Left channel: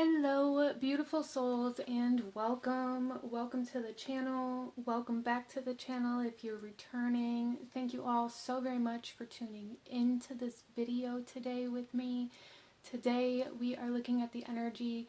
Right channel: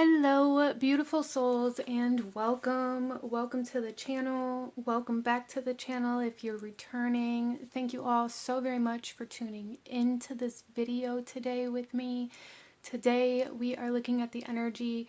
Hello, beautiful souls, and welcome. Welcome to the channel. Welcome back to the channel if you're returning. Thank you all so very much for tuning into this video today with me. Today we are looking at the energy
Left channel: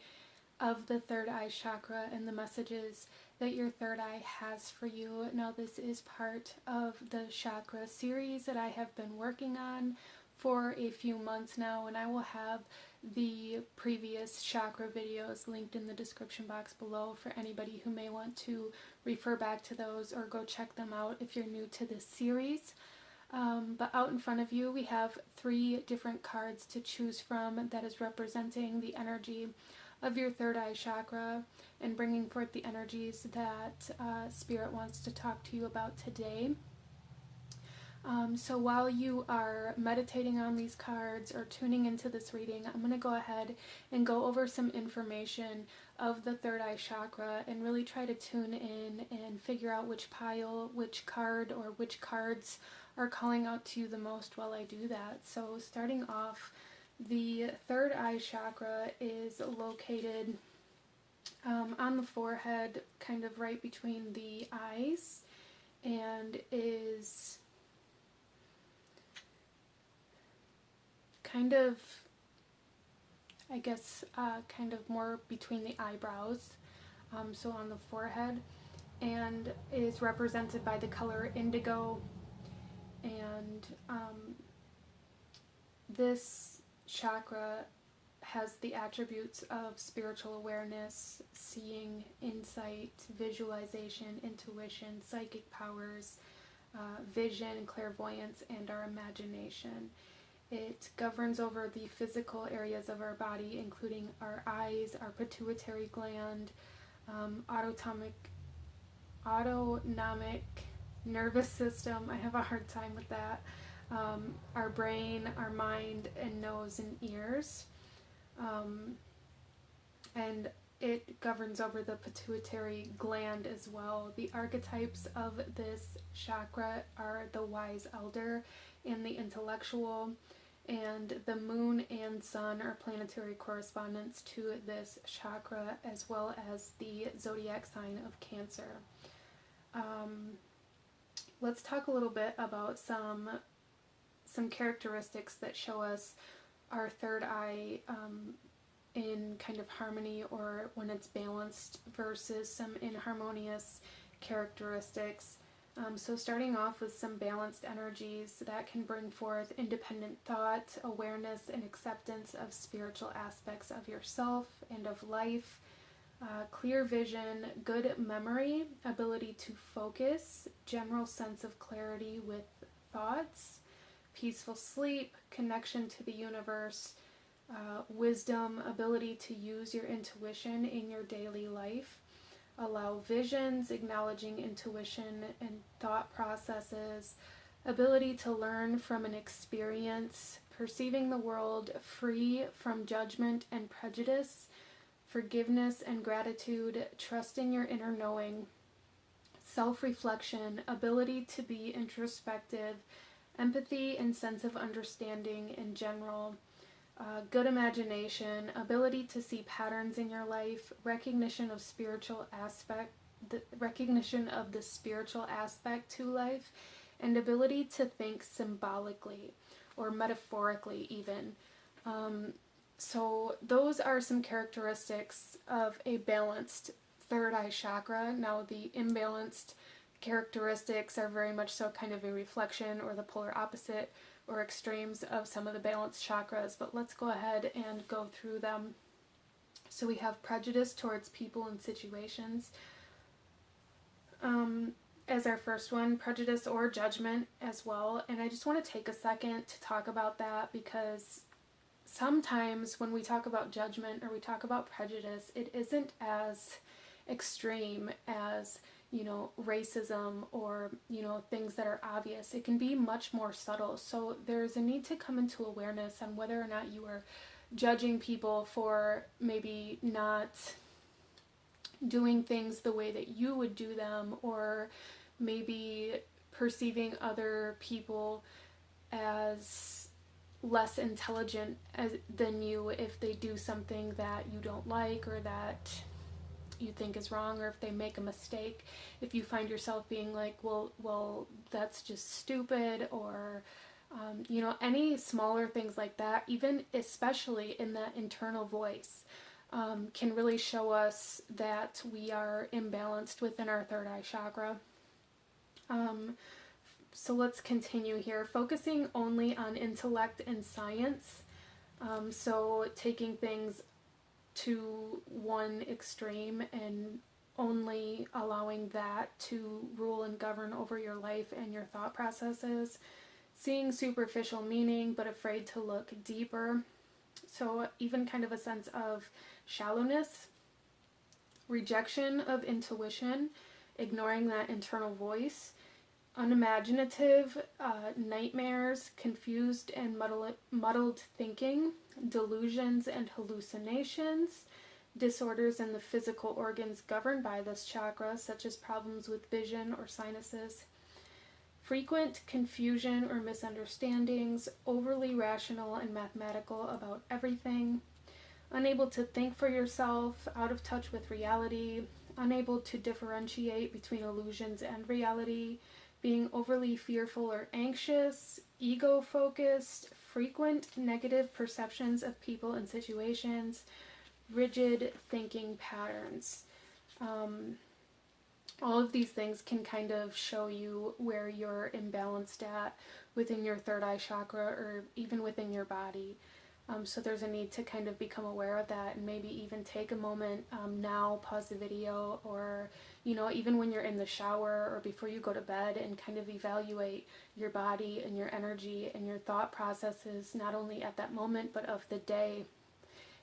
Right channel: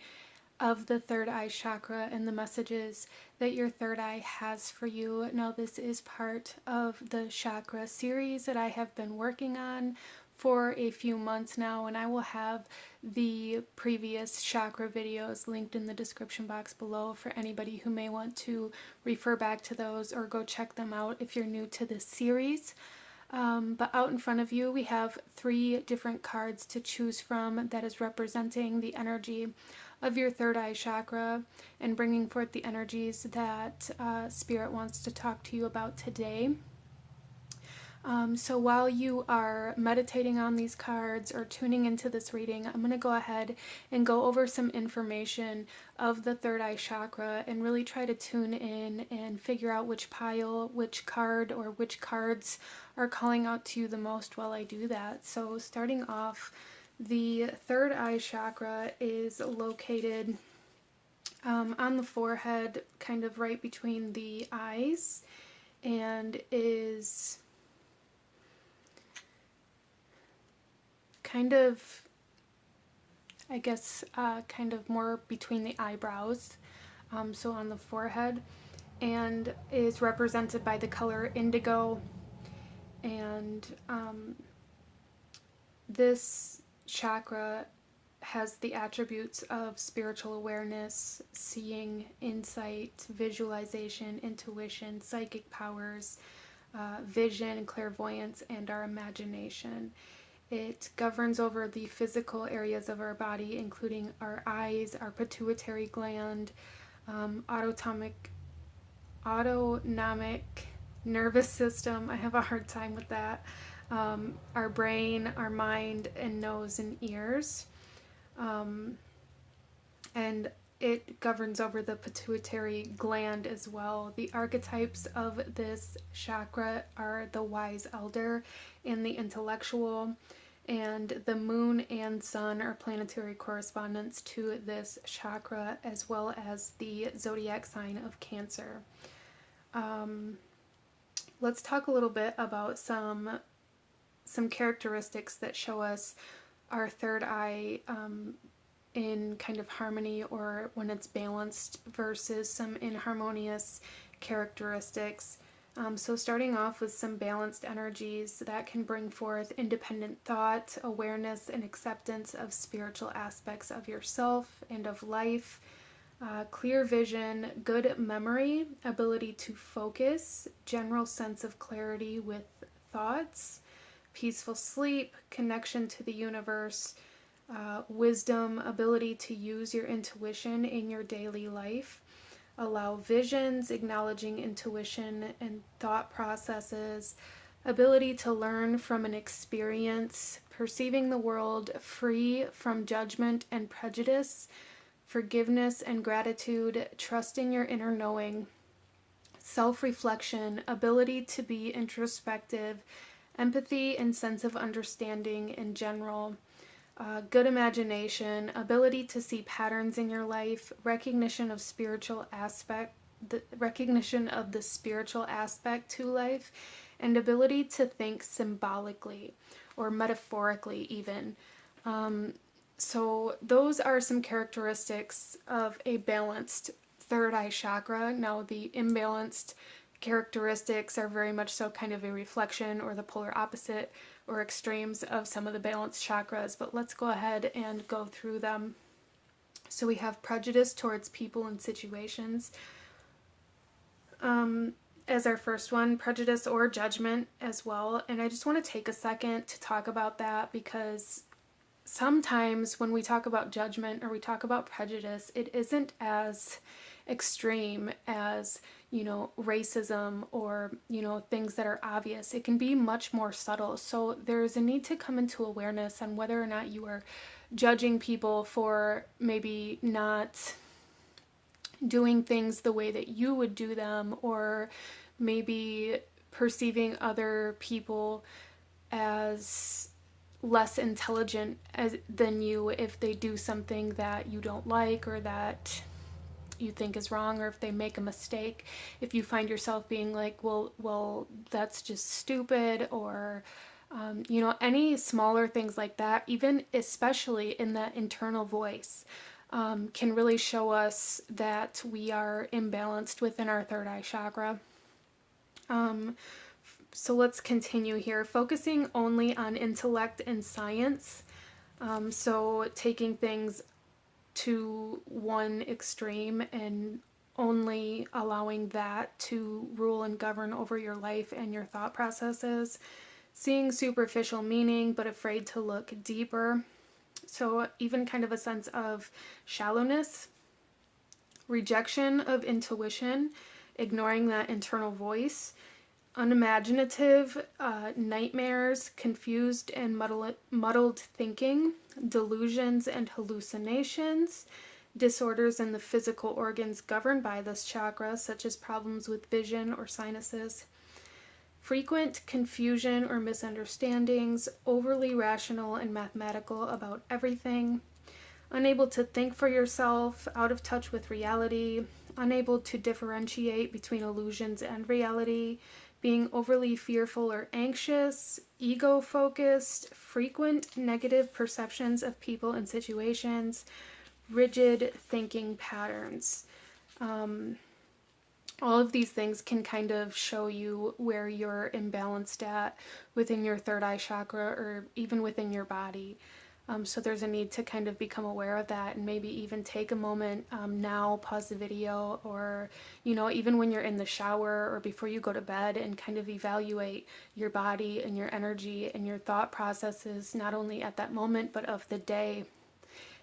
of the third eye chakra and the messages that your third eye has for you. Now, this is part of the chakra series that I have been working on for a few months now, and I will have the previous chakra videos linked in the description box below for anybody who may want to refer back to those or go check them out if you're new to this series. But out in front of you we have 3 different cards to choose from that is representing the energy of your third eye chakra and bringing forth the energies that Spirit wants to talk to you about today. So while you are meditating on these cards or tuning into this reading, I'm going to go ahead and go over some information of the third eye chakra and really try to tune in and figure out which pile, which card, or which cards are calling out to you the most while I do that. So starting off, the third eye chakra is located on the forehead, kind of right between the eyes, and is kind of, I guess, kind of more between the eyebrows, so on the forehead, and is represented by the color indigo. And this chakra has the attributes of spiritual awareness, seeing, insight, visualization, intuition, psychic powers, vision, clairvoyance, and our imagination. It governs over the physical areas of our body, including our eyes, our pituitary gland, autonomic nervous system. I have a hard time with that. Our brain, our mind, and nose and ears. And it governs over the pituitary gland as well. The archetypes of this chakra are the wise elder and the intellectual, and the moon and sun are planetary correspondents to this chakra, as well as the zodiac sign of Cancer. Let's talk a little bit about some characteristics that show us our third eye in kind of harmony, or when it's balanced, versus some inharmonious characteristics. So starting off with some balanced energies that can bring forth independent thought, awareness, and acceptance of spiritual aspects of yourself and of life, clear vision, good memory, ability to focus, general sense of clarity with thoughts, peaceful sleep, connection to the universe, wisdom, ability to use your intuition in your daily life, allow visions, acknowledging intuition and thought processes, ability to learn from an experience, perceiving the world free from judgment and prejudice, forgiveness and gratitude, trusting your inner knowing, self-reflection, ability to be introspective, empathy and sense of understanding in general, good imagination, ability to see patterns in your life, recognition of the spiritual aspect to life, and ability to think symbolically or metaphorically even. So those are some characteristics of a balanced third eye chakra. Now, the imbalanced characteristics are very much so kind of a reflection or the polar opposite or extremes of some of the balanced chakras, but let's go ahead and go through them. So we have prejudice towards people and situations as our first one, prejudice or judgment as well. And I just want to take a second to talk about that, because sometimes when we talk about judgment or we talk about prejudice, it isn't as extreme as, racism or, things that are obvious. It can be much more subtle. So there's a need to come into awareness on whether or not you are judging people for maybe not doing things the way that you would do them, or maybe perceiving other people as less intelligent than you if they do something that you don't like or that you think is wrong, or if they make a mistake. If you find yourself being like, well, that's just stupid, or any smaller things like that, even especially in that internal voice, can really show us that we are imbalanced within our third eye chakra. So let's continue here, focusing only on intellect and science. So taking things to one extreme and only allowing that to rule and govern over your life and your thought processes. Seeing superficial meaning but afraid to look deeper. So even kind of a sense of shallowness, rejection of intuition, ignoring that internal voice, unimaginative, nightmares, confused and muddled thinking, delusions and hallucinations, disorders in the physical organs governed by this chakra, such as problems with vision or sinuses, frequent confusion or misunderstandings, overly rational and mathematical about everything, unable to think for yourself, out of touch with reality, unable to differentiate between illusions and reality, being overly fearful or anxious, ego-focused, frequent negative perceptions of people and situations, rigid thinking patterns. All of these things can kind of show you where you're imbalanced at within your third eye chakra, or even within your body. So there's a need to kind of become aware of that, and maybe even take a moment now, pause the video, or even when you're in the shower or before you go to bed, and kind of evaluate your body and your energy and your thought processes, not only at that moment but of the day.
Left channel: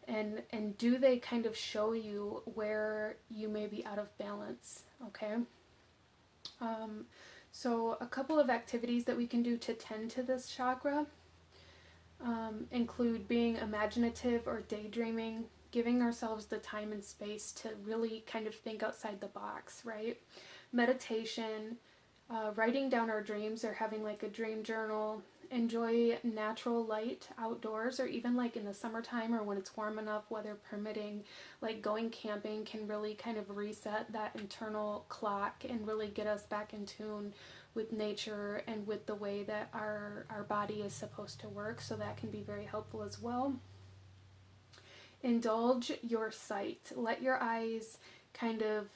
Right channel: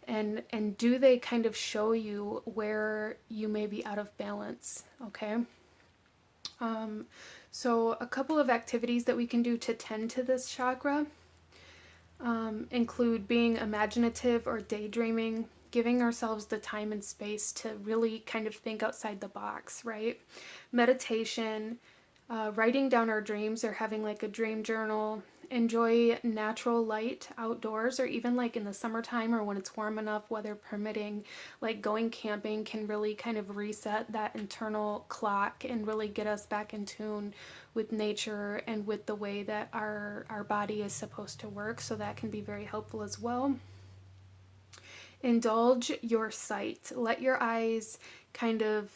And do they kind of show you where you may be out of balance? Okay. So a couple of activities that we can do to tend to this chakra include being imaginative or daydreaming, giving ourselves the time and space to really kind of think outside the box, right? Meditation, writing down our dreams or having like a dream journal, enjoy natural light outdoors, or even like in the summertime or when it's warm enough, weather permitting, like going camping can really kind of reset that internal clock and really get us back in tune with nature and with the way that our body is supposed to work. So that can be very helpful as well. Indulge your sight. Let your eyes kind of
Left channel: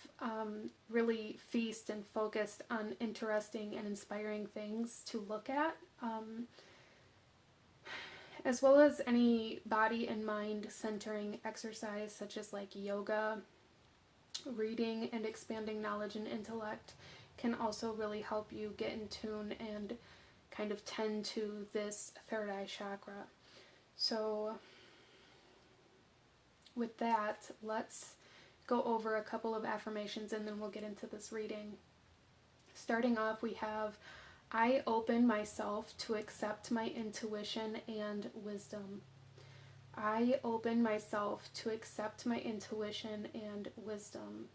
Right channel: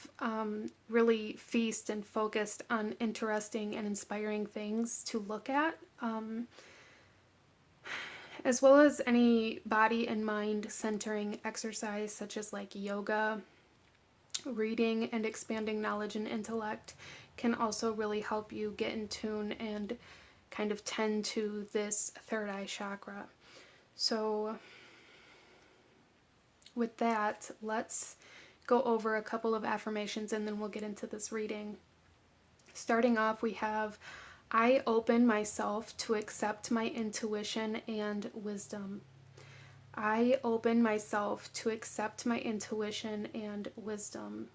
really feast and focused on interesting and inspiring things to look at, as well as any body and mind centering exercise such as like yoga. Reading and expanding knowledge and intellect can also really help you get in tune and kind of tend to this third eye chakra. So with that, let's go over a couple of affirmations and then we'll get into this reading. Starting off, we have, I open myself to accept my intuition and wisdom. I open myself to accept my intuition and wisdom.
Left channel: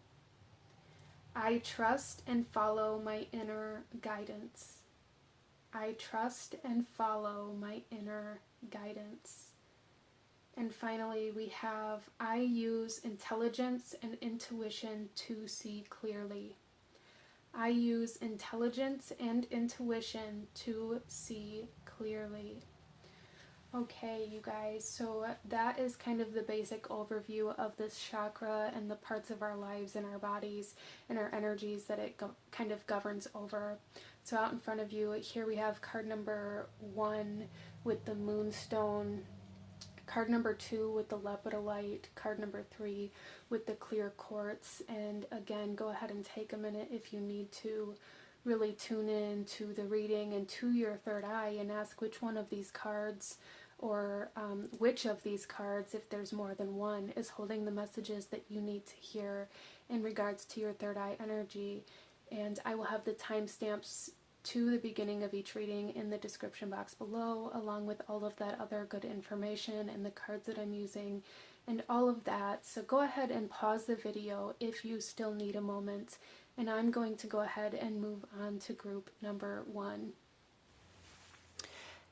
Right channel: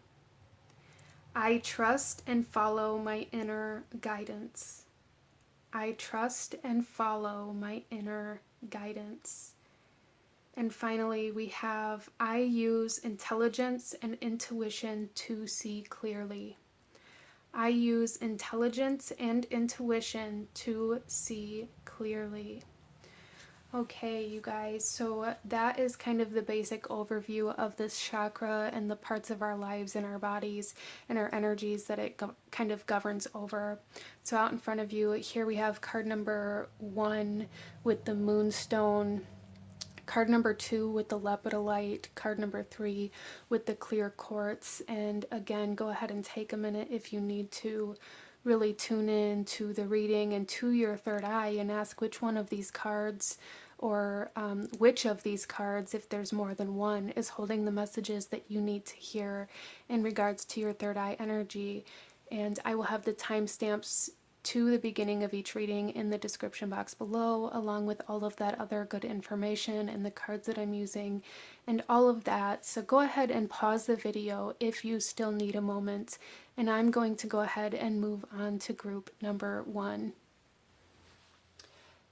I trust and follow my inner guidance. I trust and follow my inner guidance. And finally, we have, I use intelligence and intuition to see clearly. I use intelligence and intuition to see clearly. Okay, you guys, so that is kind of the basic overview of this chakra and the parts of our lives and our bodies and our energies that it kind of governs over. So out in front of you, here we have card number 1 with the moonstone, card number 2 with the lepidolite, card number 3 with the clear quartz. And again, go ahead and take a minute if you need to really tune in to the reading and to your third eye and ask which one of these cards, or which of these cards, if there's more than one, is holding the messages that you need to hear in regards to your third eye energy. And I will have the timestamps to the beginning of each reading in the description box below, along with all of that other good information and the cards that I'm using and all of that. So go ahead and pause the video if you still need a moment, and I'm going to go ahead and move on to group number 1.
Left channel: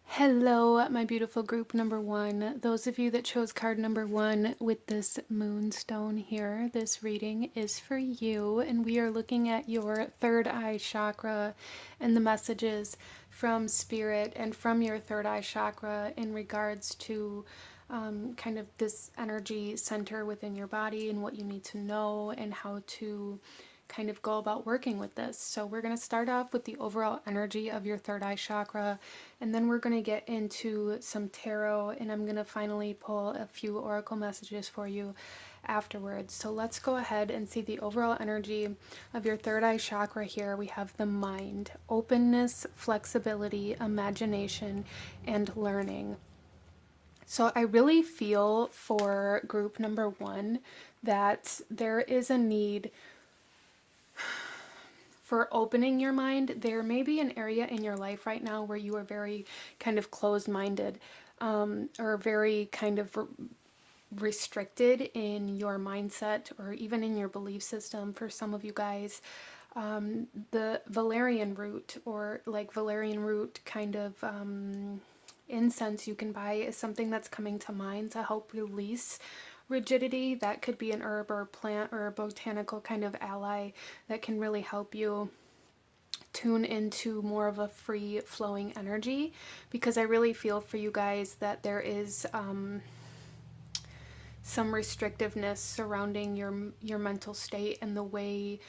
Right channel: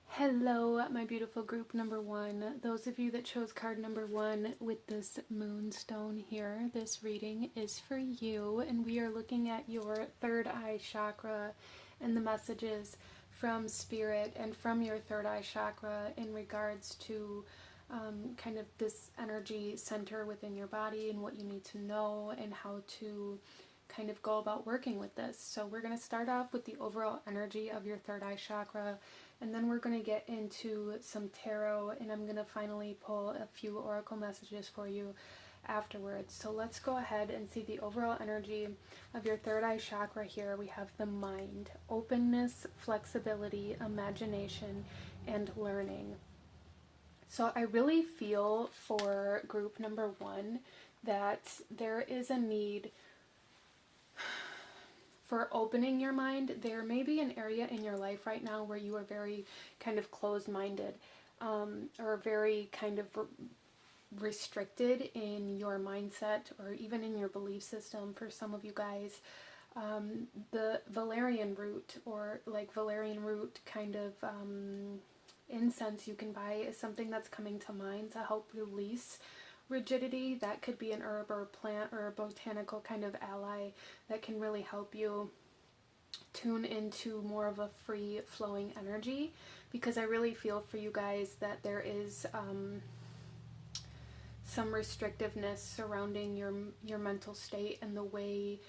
Hello, my beautiful group number one. Those of you that chose card number one with this moonstone here, this reading is for you, and we are looking at your third eye chakra and the messages from spirit and from your third eye chakra in regards to kind of this energy center within your body and what you need to know and how to kind of go about working with this. So we're going to start off with the overall energy of your third eye chakra, and then we're going to get into some tarot, and I'm going to finally pull a few oracle messages for you afterwards. So let's go ahead and see the overall energy of your third eye chakra here. We have the mind, openness, flexibility, imagination, and learning. So I really feel for group number one that there is a need for opening your mind. There may be an area in your life right now where you are very kind of closed-minded, or very kind of restricted in your mindset or even in your belief system. For some of you guys, the valerian root, or like valerian root kind of incense you can buy, is something that's coming to mind to help release rigidity. That could be an herb or plant or a botanical kind of ally that can really help you tune into more of a free flowing energy, because I really feel for you guys that there is some restrictiveness surrounding your mental state and the way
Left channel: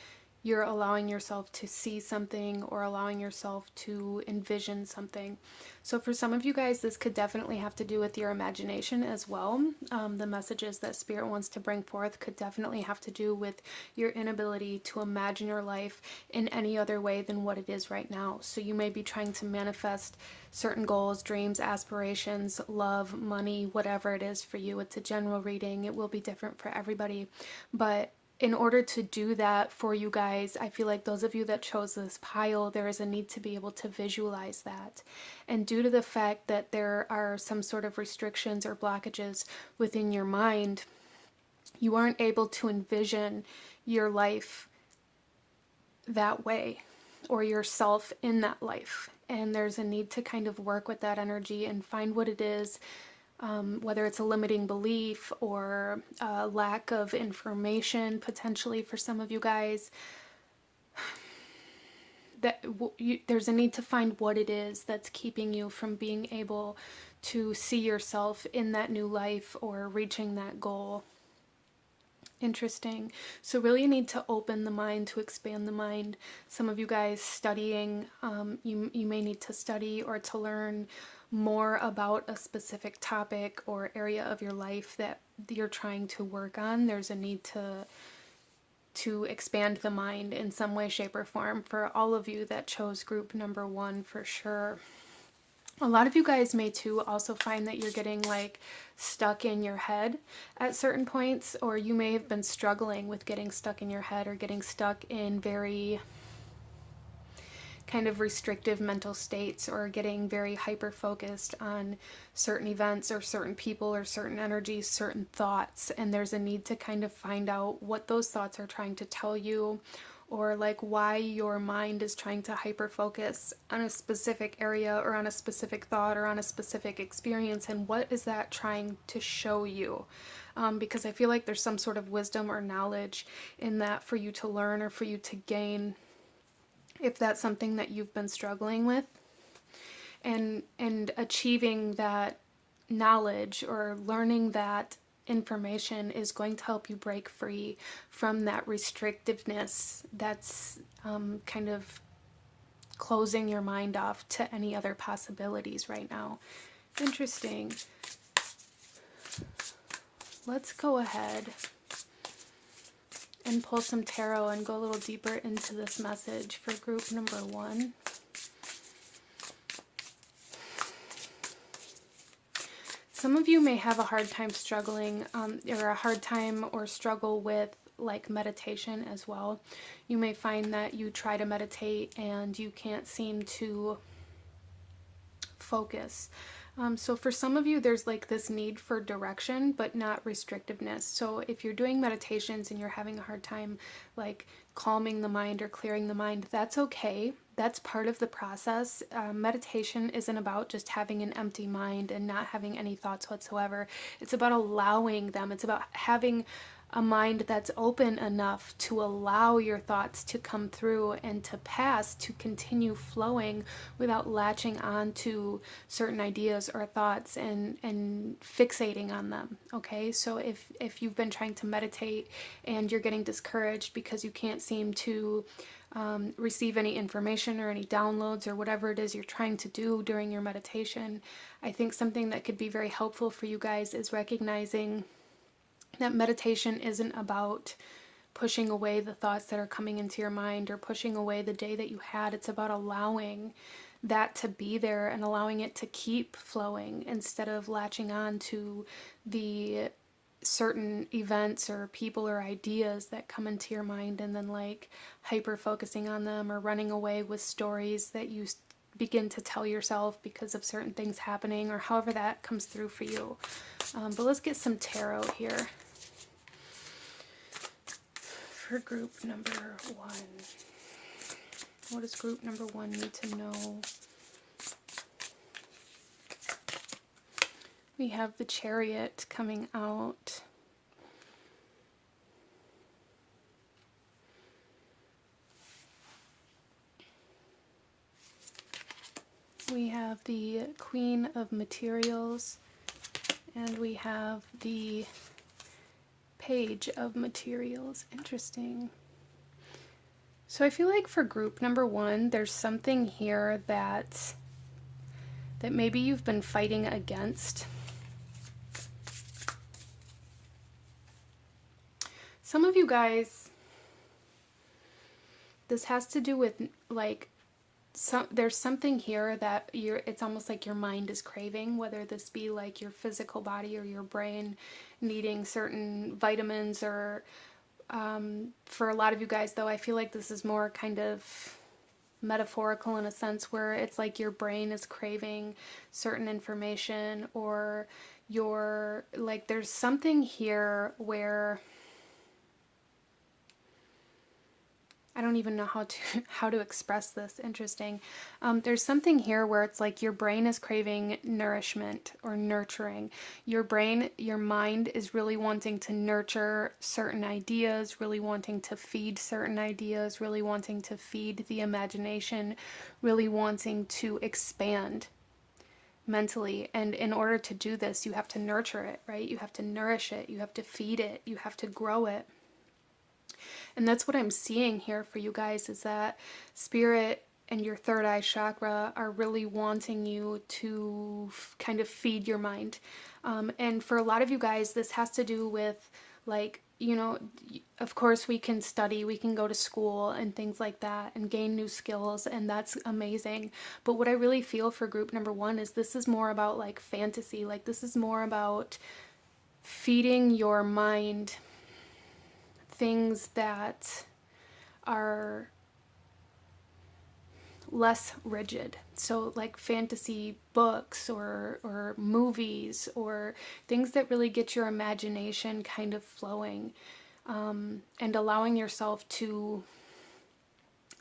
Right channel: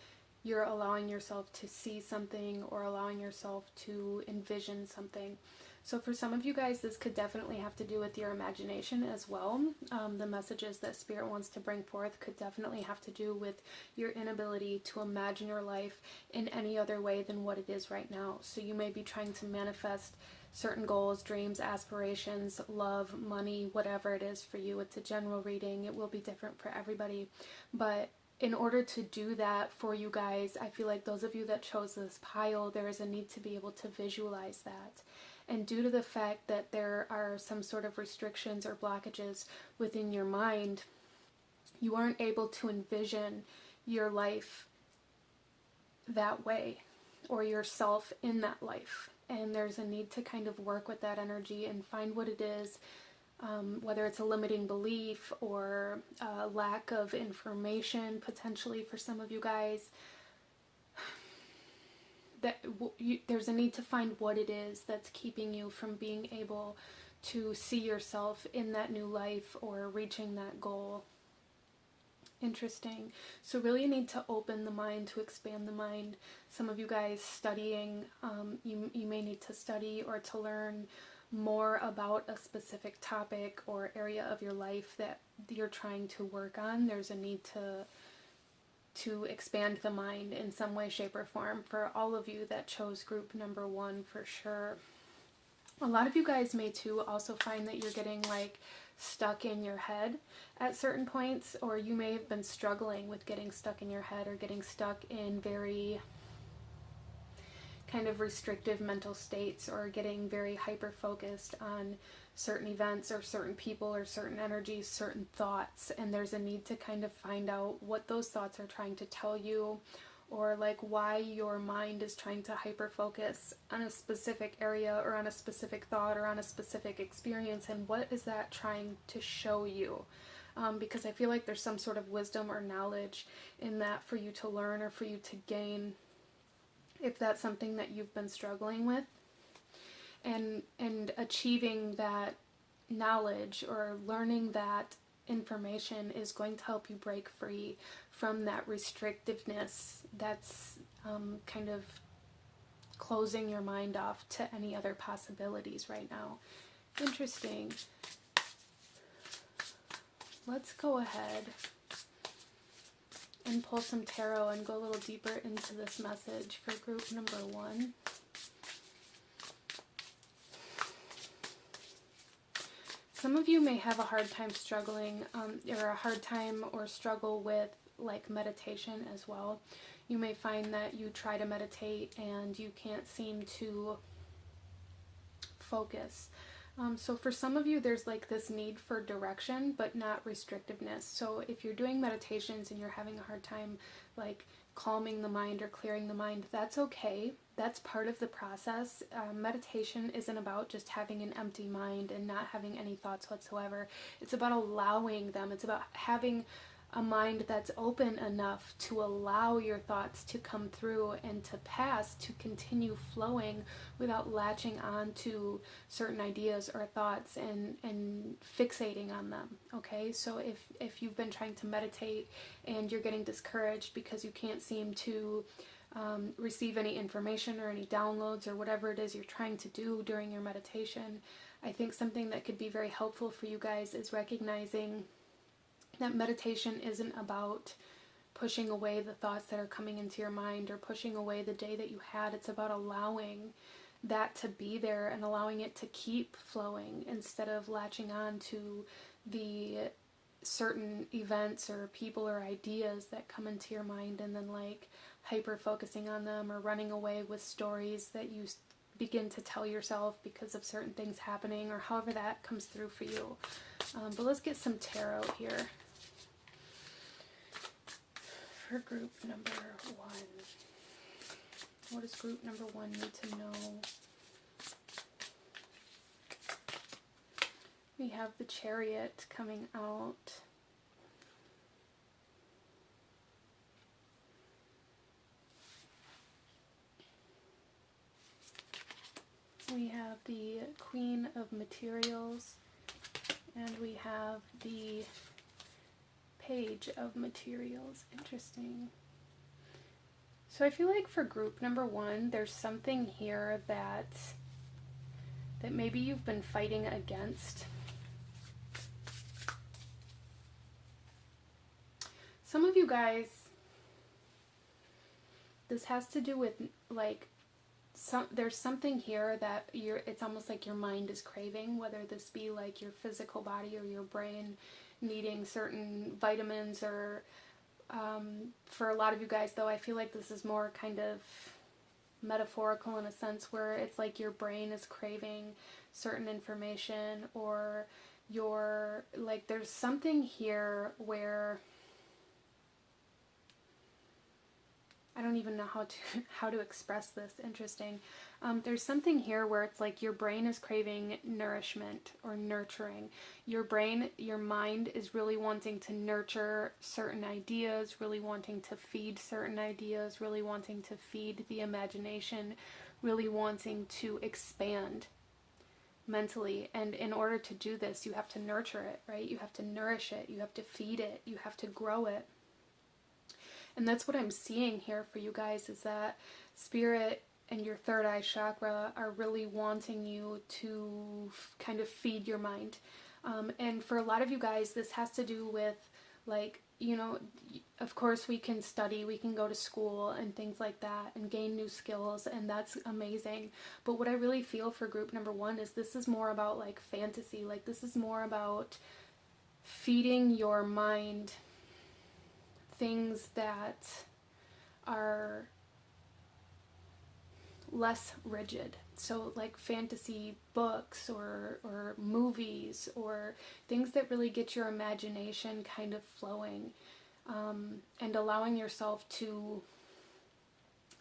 you're allowing yourself to see something or allowing yourself to envision something. So for some of you guys, this could definitely have to do with your imagination as well. The messages that Spirit wants to bring forth could definitely have to do with your inability to imagine your life in any other way than what it is right now. So you may be trying to manifest certain goals, dreams, aspirations, love, money, whatever it is for you. It's a general reading. It will be different for everybody. But in order to do that for you guys, I feel like those of you that chose this pile, there is a need to be able to visualize that. And due to the fact that there are some sort of restrictions or blockages within your mind, you aren't able to envision your life that way or yourself in that life. And there's a need to kind of work with that energy and find what it is. Whether it's a limiting belief or a lack of information, potentially for some of you guys, that there's a need to find what it is that's keeping you from being able to see yourself in that new life or reaching that goal. Interesting. So really you need to open the mind, to expand the mind. Some of you guys studying, you may need to study or to learn more about a specific topic or area of your life that you're trying to work on. There's a need to expand the mind in some way, shape, or form for all of you that chose group number one, for sure. A lot of you guys may too also find that you're getting like stuck in your head at certain points, or you may have been struggling with getting stuck in your head or getting stuck in very kind of restrictive mental states, or getting very hyper focused on certain events or certain people or certain energies, certain thoughts. And there's a need to kind of find out what those thoughts are trying to tell you, or like why your mind is trying to hyper focus on a specific area or on a specific thought or on a specific experience, and what is that trying to show you. Because I feel like there's some sort of wisdom or knowledge in that for you to learn or for you to gain, if that's something that you've been struggling with. And achieving that knowledge or learning that information is going to help you break free from that restrictiveness that's kind of closing your mind off to any other possibilities right now. Interesting. Let's go ahead and pull some tarot and go a little deeper into this message for group number one. Some of you may have a hard time struggling, or a hard time or struggle with like meditation as well. You may find that you try to meditate and you can't seem to focus. So for some of you, there's like this need for direction, but not restrictiveness. So if you're doing meditations and you're having a hard time like calming the mind or clearing the mind, that's okay. That's part of the process. Meditation isn't about just having an empty mind and not having any thoughts whatsoever. It's about allowing them. It's about having a mind that's open enough to allow your thoughts to come through and to pass, to continue flowing without latching on to certain ideas or thoughts and fixating on them. Okay, so if you've been trying to meditate and you're getting discouraged because you can't seem to receive any information or any downloads or whatever it is you're trying to do during your meditation, I think something that could be very helpful for you guys is recognizing that meditation isn't about pushing away the thoughts that are coming into your mind or pushing away the day that you had. It's about allowing that to be there and allowing it to keep flowing instead of latching on to the certain events or people or ideas that come into your mind and then like hyper focusing on them or running away with stories that you begin to tell yourself because of certain things happening or however that comes through for you. But let's get some tarot here for group number 1. What does group number 1 need to know? We have the Chariot coming out. We have the Queen of Materials, and we have the Page of Materials. Interesting. So I feel like for group number 1, there's something here that maybe you've been fighting against. Some of you guys, this has to do with like there's something here that it's almost like your mind is craving, whether this be like your physical body or your brain needing certain vitamins or for a lot of you guys though, I feel like this is more kind of metaphorical in a sense where it's like your brain is craving certain information or there's something here where I don't even know how to express this. Interesting. There's something here where it's like your brain is craving nourishment or nurturing. Your mind is really wanting to nurture certain ideas, really wanting to feed certain ideas, really wanting to feed the imagination, really wanting to expand mentally. And in order to do this, you have to nurture it, right? You have to nourish it. You have to feed it. You have to grow it. And that's what I'm seeing here for you guys, is that Spirit and your third eye chakra are really wanting you to kind of feed your mind. And for a lot of you guys, this has to do with like, you know, of course we can study, we can go to school and things like that and gain new skills, and that's amazing. But what I really feel for group number 1 is this is more about like fantasy. Like this is more about feeding your mind things that are less rigid. So like fantasy books or movies or things that really get your imagination kind of flowing, and allowing yourself to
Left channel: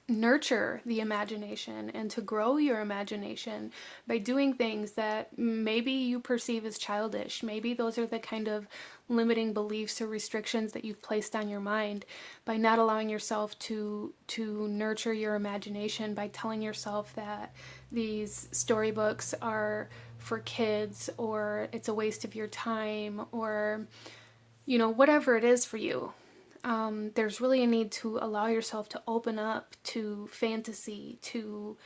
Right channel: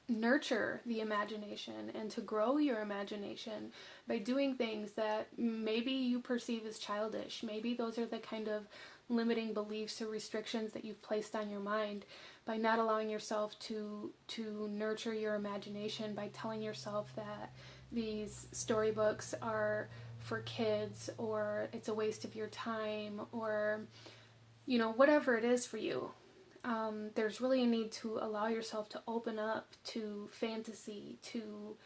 nurture the imagination and to grow your imagination by doing things that maybe you perceive as childish. Maybe those are the kind of limiting beliefs or restrictions that you've placed on your mind by not allowing yourself to nurture your imagination, by telling yourself that these storybooks are for kids or it's a waste of your time or, you know, whatever it is for you. There's really a need to allow yourself to open up to fantasy, to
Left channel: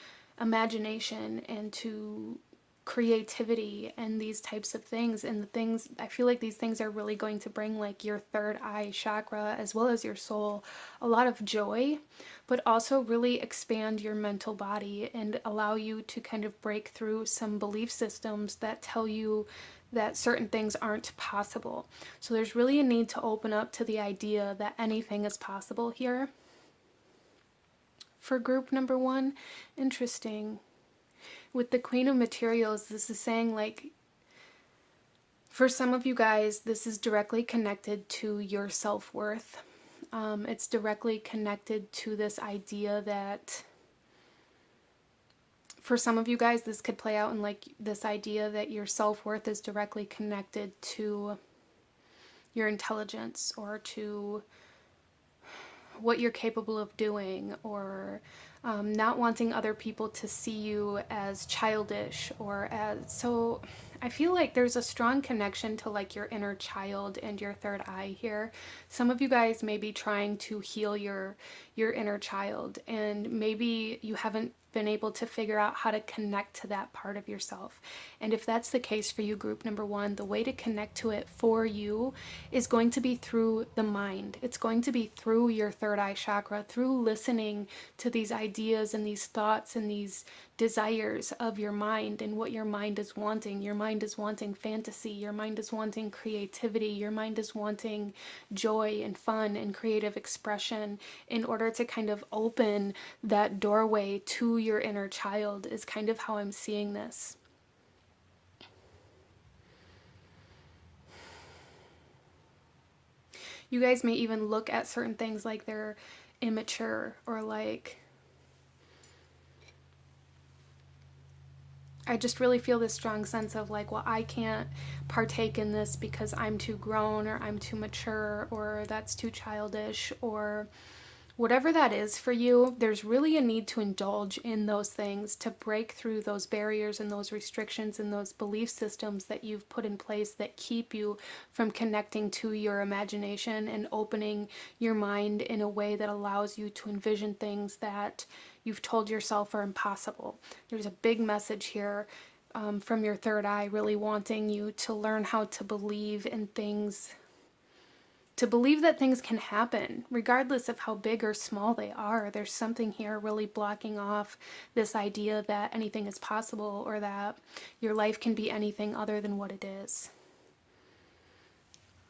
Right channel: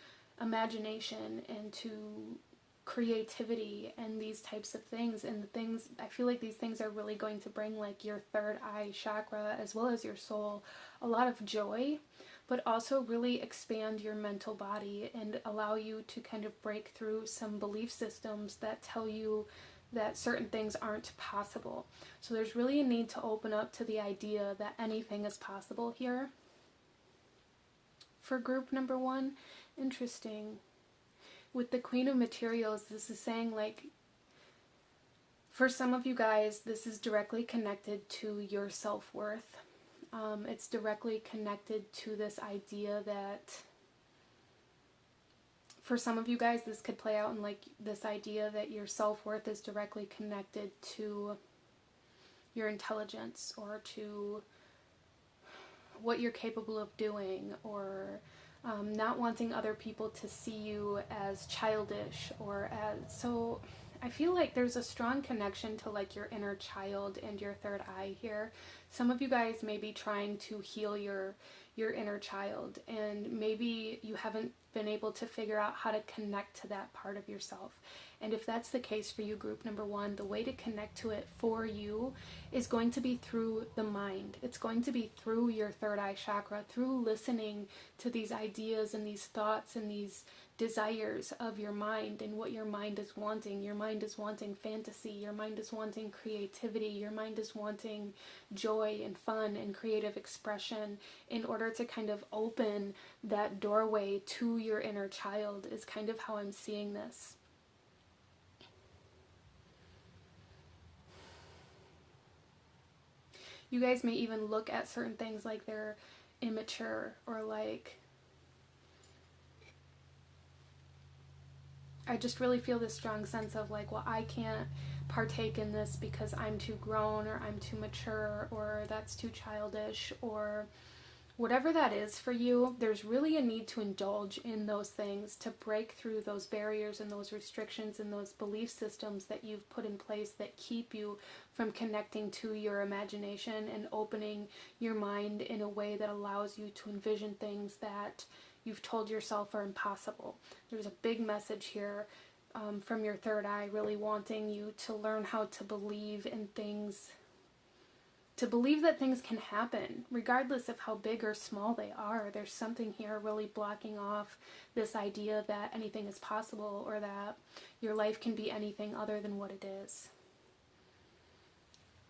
imagination, and to creativity and these types of things. And the things, I feel like these things are really going to bring like your third eye chakra as well as your soul a lot of joy, but also really expand your mental body and allow you to kind of break through some belief systems that tell you that certain things aren't possible. So there's really a need to open up to the idea that anything is possible here. For group number 1, interesting. With the Queen of Materials, this is saying like, for some of you guys, this is directly connected to your self-worth. It's directly connected to this idea that for some of you guys, this could play out in like this idea that your self-worth is directly connected to your intelligence or to what you're capable of doing, or not wanting other people to see you as childish or as, so I feel like there's a strong connection to like your inner child and your third eye here. Some of you guys may be trying to heal your inner child, and maybe you haven't been able to figure out how to connect to that part of yourself. And if that's the case for you, group number one, the way to connect to it for you is going to be through the mind. It's going to be through your third eye chakra, through listening to these ideas and these thoughts and these desires of your mind and what your mind is wanting. Your mind is wanting fantasy. Your mind is wanting creativity. Your mind is wanting joy and fun and creative expression, in order to kind of open that doorway to your inner child, is kind of how I'm seeing this. You guys may even look at certain things like they're immature, or like, I just really feel this strong sense of like, well, I can't partake in this because I'm too grown, or I'm too mature, or that's too childish, or whatever that is for you. There's really a need to indulge in those things, to break through those barriers and those restrictions and those belief systems that you've put in place that keep you from connecting to your imagination and opening your mind in a way that allows you to envision things that you've told yourself are impossible. There's a big message here from your third eye, really wanting you to learn how to believe in things, to believe that things can happen regardless of how big or small they are. There's something here really blocking off this idea that anything is possible, or that your life can be anything other than what it is.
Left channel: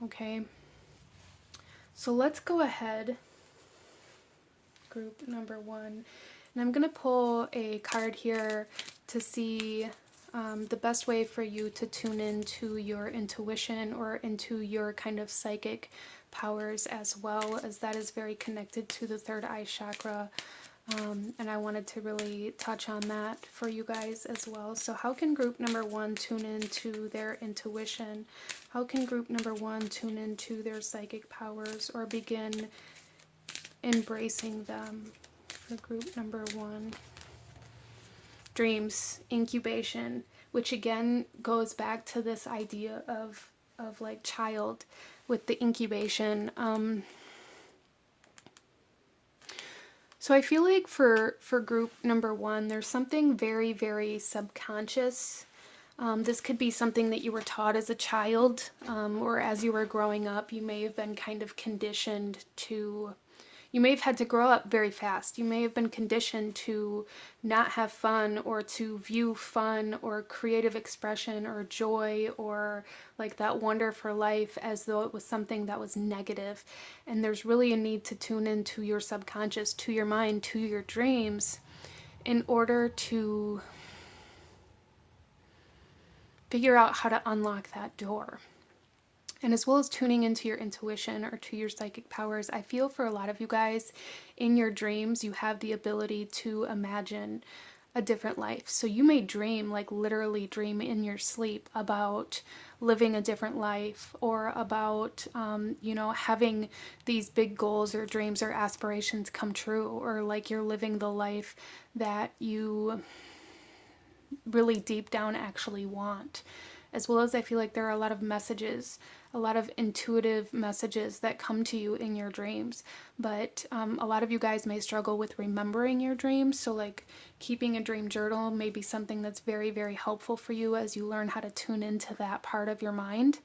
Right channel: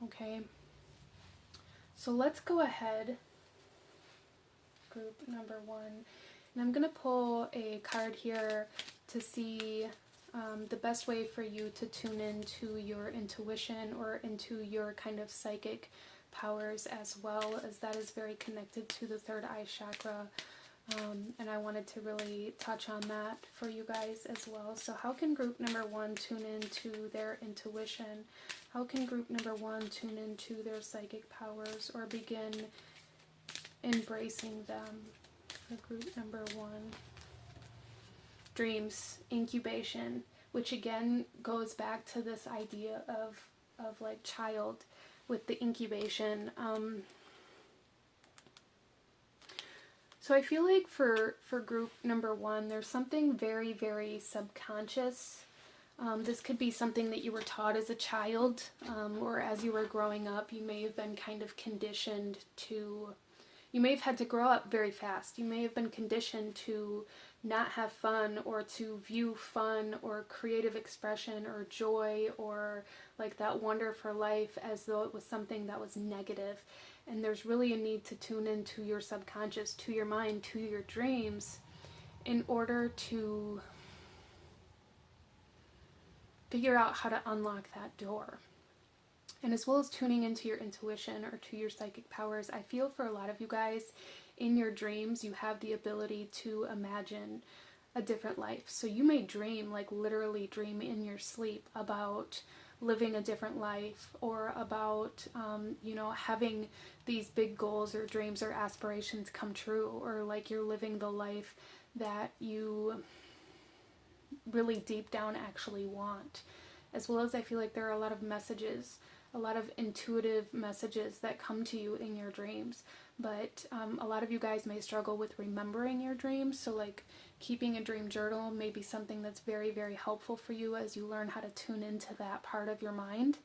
Okay, so let's go ahead, group number one, and I'm going to pull a card here to see the best way for you to tune into your intuition or into your kind of psychic powers, as well as that is very connected to the third eye chakra. And I wanted to really touch on that for you guys as well. So how can group number one tune into their intuition? How can group number one tune into their psychic powers, or begin embracing them? For group number one, dreams, incubation, which again goes back to this idea of like child with the incubation. So I feel like for group number one, there's something very, very subconscious. This could be something that you were taught as a child, or as you were growing up. You may have been kind of conditioned to, you may have had to grow up very fast. You may have been conditioned to not have fun, or to view fun or creative expression or joy or like that wonder for life as though it was something that was negative. And there's really a need to tune into your subconscious, to your mind, to your dreams, in order to figure out how to unlock that door. And as well as tuning into your intuition or to your psychic powers, I feel for a lot of you guys, in your dreams, you have the ability to imagine a different life. So you may dream, like literally dream in your sleep, about living a different life, or about, having these big goals or dreams or aspirations come true, or like you're living the life that you really deep down actually want. As well as I feel like there are a lot of messages, a lot of intuitive messages that come to you in your dreams. But a lot of you guys may struggle with remembering your dreams. So like keeping a dream journal may be something that's very, very helpful for you as you learn how to tune into that part of your mind.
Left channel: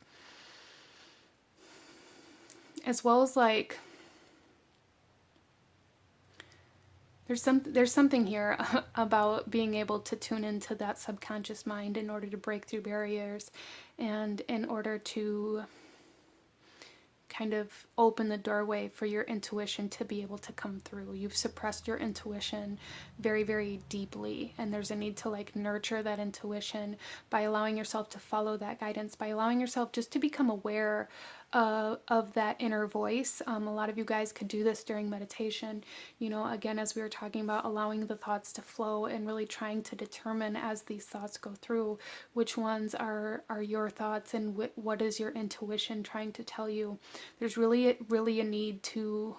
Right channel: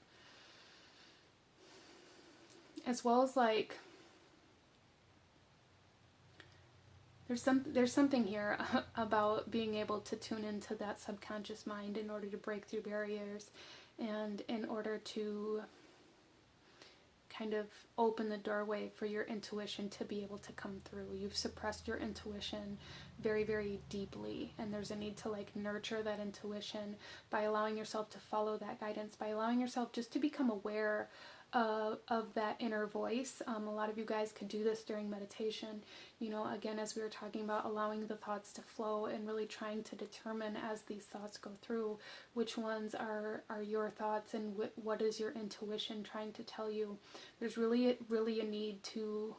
As well as like, there's something here about being able to tune into that subconscious mind in order to break through barriers, and in order to kind of open the doorway for your intuition to be able to come through. You've suppressed your intuition very, very deeply, and there's a need to like nurture that intuition by allowing yourself to follow that guidance, by allowing yourself just to become aware of that inner voice. A lot of you guys could do this during meditation. You know, again, as we were talking about, allowing the thoughts to flow and really trying to determine as these thoughts go through which ones are your thoughts and what is your intuition trying to tell you. There's really a need to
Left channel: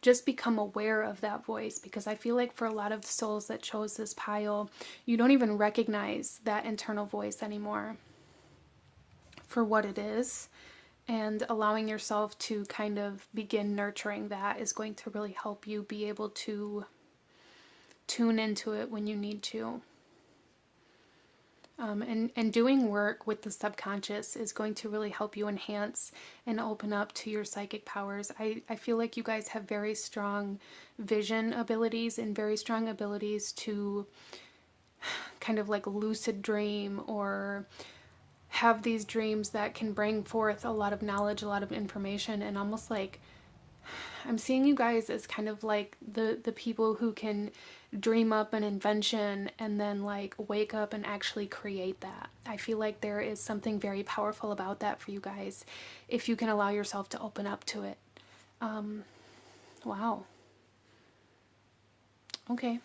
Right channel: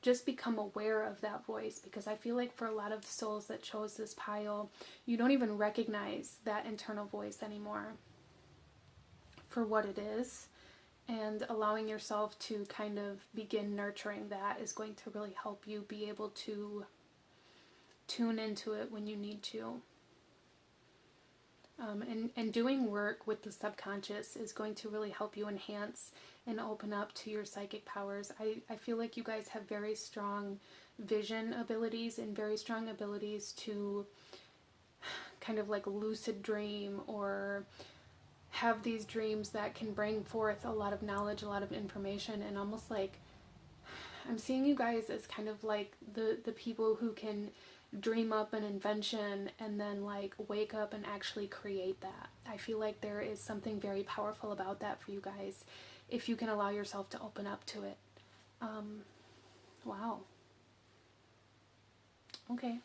just become aware of that voice, because I feel like for a lot of souls that chose this pile, you don't even recognize that internal voice anymore for what it is. And allowing yourself to kind of begin nurturing that is going to really help you be able to tune into it when you need to. And doing work with the subconscious is going to really help you enhance and open up to your psychic powers. I feel like you guys have very strong vision abilities and very strong abilities to kind of like lucid dream or have these dreams that can bring forth a lot of knowledge, a lot of information, and almost like I'm seeing you guys as kind of like the people who can dream up an invention and then like wake up and actually create that. I feel like there is something very powerful about that for you guys if you can allow yourself to open up to it. Wow. Okay.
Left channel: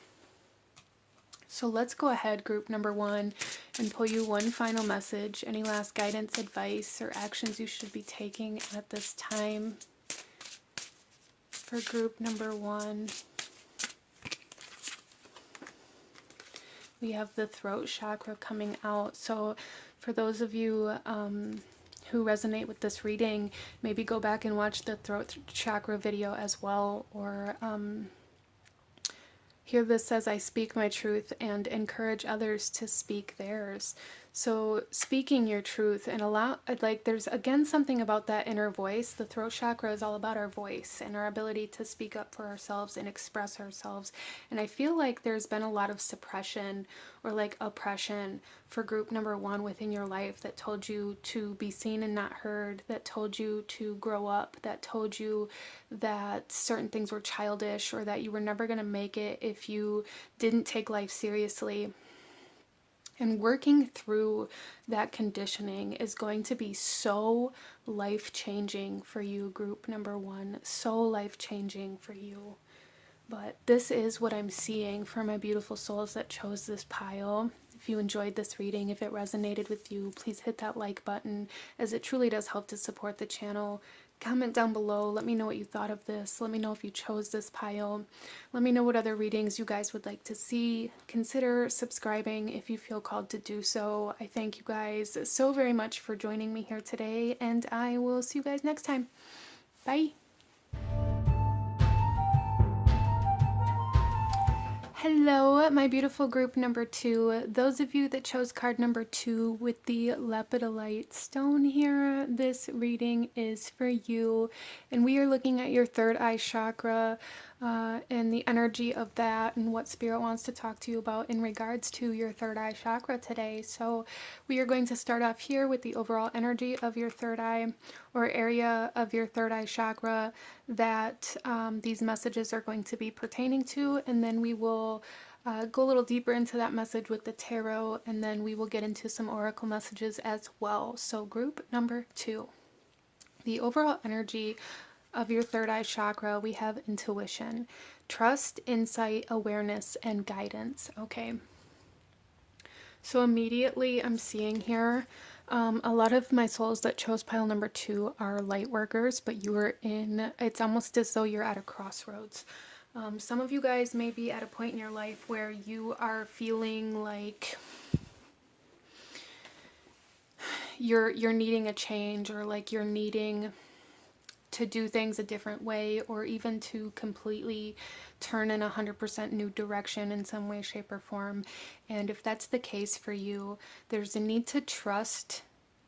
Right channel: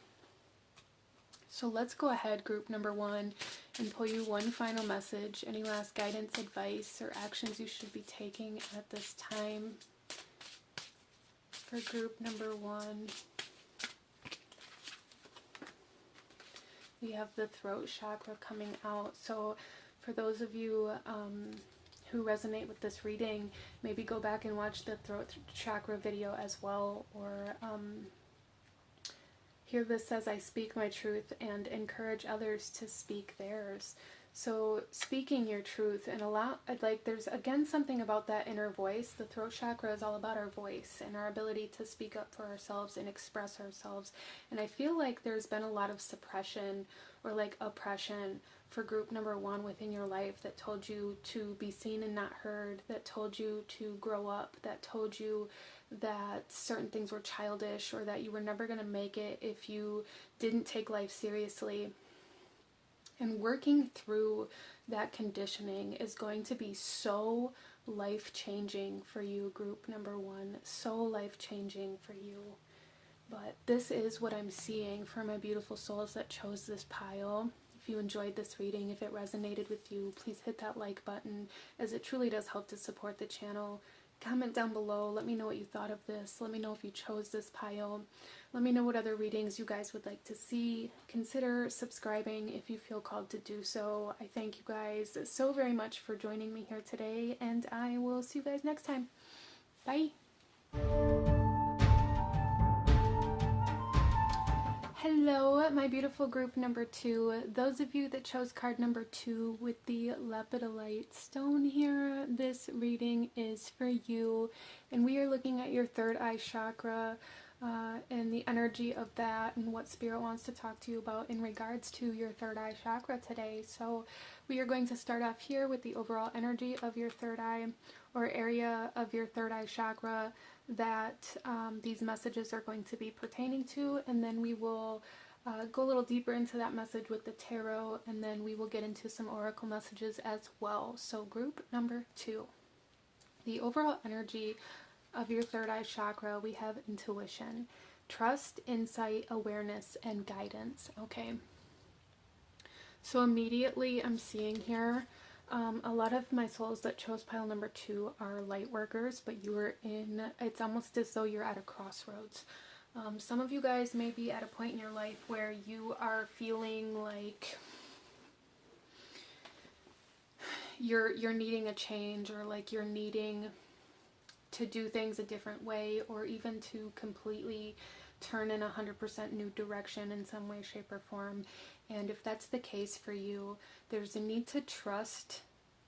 So let's go ahead, group number 1, and pull you one final message. Any last guidance, advice, or actions you should be taking at this time for group number 1. We have the throat chakra coming out. So for those of you who resonate with this reading, maybe go back and watch the throat chakra video as well, or here this says, I speak my truth and encourage others to speak theirs. So speaking your truth and there's again something about that inner voice. The throat chakra is all about our voice and our ability to speak up for ourselves and express ourselves. And I feel like there's been a lot of suppression or like oppression for group number 1 within your life that told you to be seen and not heard, that told you to grow up, that told you that certain things were childish or that you were never going to make it if you didn't take life seriously. And working through that conditioning is going to be so life-changing for you, group number 1. So life-changing for you. But this is what I'm seeing for my beautiful souls that chose this pile. If you enjoyed this reading, if it resonated with you, please hit that like button, as it truly does help to support the channel. Comment down below. Let me know what you thought of this. Let me know if you chose this pile. Let me know what other readings you guys would like to see. Consider subscribing if you feel called to do so. I thank you guys so very much for joining me here today, and I will see you guys next time. Bye. Hello, my beautiful group number 2. Those of you that chose card number 2 with the lepidolite stone here, this reading is for you. And we are looking at your third eye chakra and the energy of that and what Spirit wants to talk to you about in regards to your third eye chakra today. So we are going to start off here with the overall energy of your third eye or area of your third eye chakra that these messages are going to be pertaining to, and then we will go a little deeper into that message with the tarot, and then we will get into some oracle messages as well. So group number 2, the overall energy of your third eye chakra, we have intuition, trust, insight, awareness, and guidance. Okay, so immediately I'm seeing here a lot of my souls that chose pile number 2 are light workers, but you are it's almost as though you're at a crossroads. Some of you guys may be at a point in your life where you are feeling like you're needing a change, or like you're needing to do things a different way, or even to completely turn in 100% new direction in some way, shape, or form. And if that's the case for you, there's a need to trust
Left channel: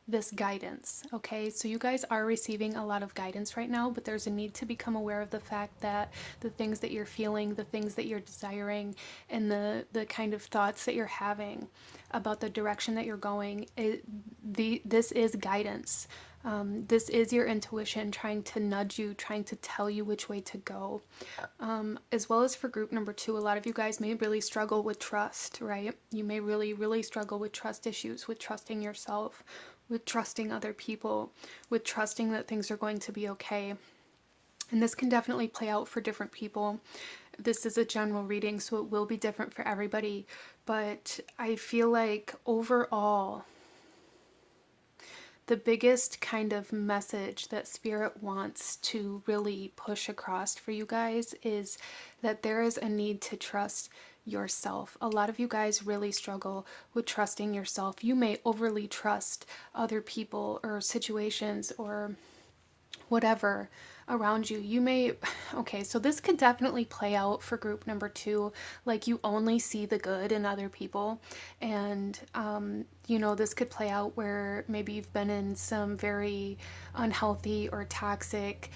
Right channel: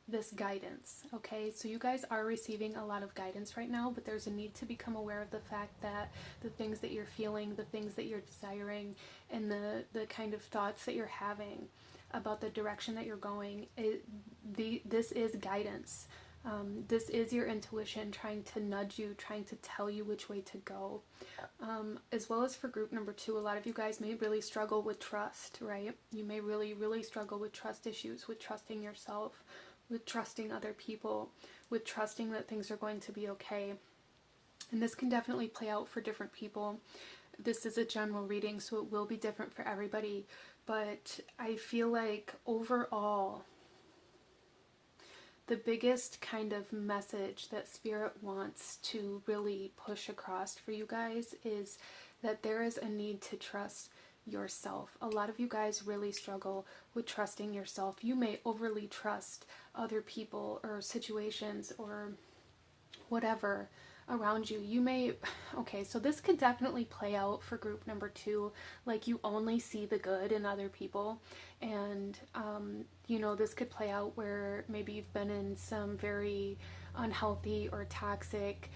this guidance. Okay, so you guys are receiving a lot of guidance right now, but there's a need to become aware of the fact that the things that you're feeling, the things that you're desiring, and the kind of thoughts that you're having about the direction that you're going, this is guidance. This is your intuition trying to nudge you, trying to tell you which way to go. As well as for group number 2, a lot of you guys may really struggle with trust, right? You may really, really struggle with trust issues, with trusting yourself, with trusting other people, with trusting that things are going to be okay. And this can definitely play out for different people. This is a general reading, so it will be different for everybody. But I feel like overall, the biggest kind of message that Spirit wants to really push across for you guys is that there is a need to trust yourself. A lot of you guys really struggle with trusting yourself. You may overly trust other people or situations or whatever around you. You may, okay, so this could definitely play out for group number 2, like you only see the good in other people. And you know, this could play out where maybe you've been in some very unhealthy or toxic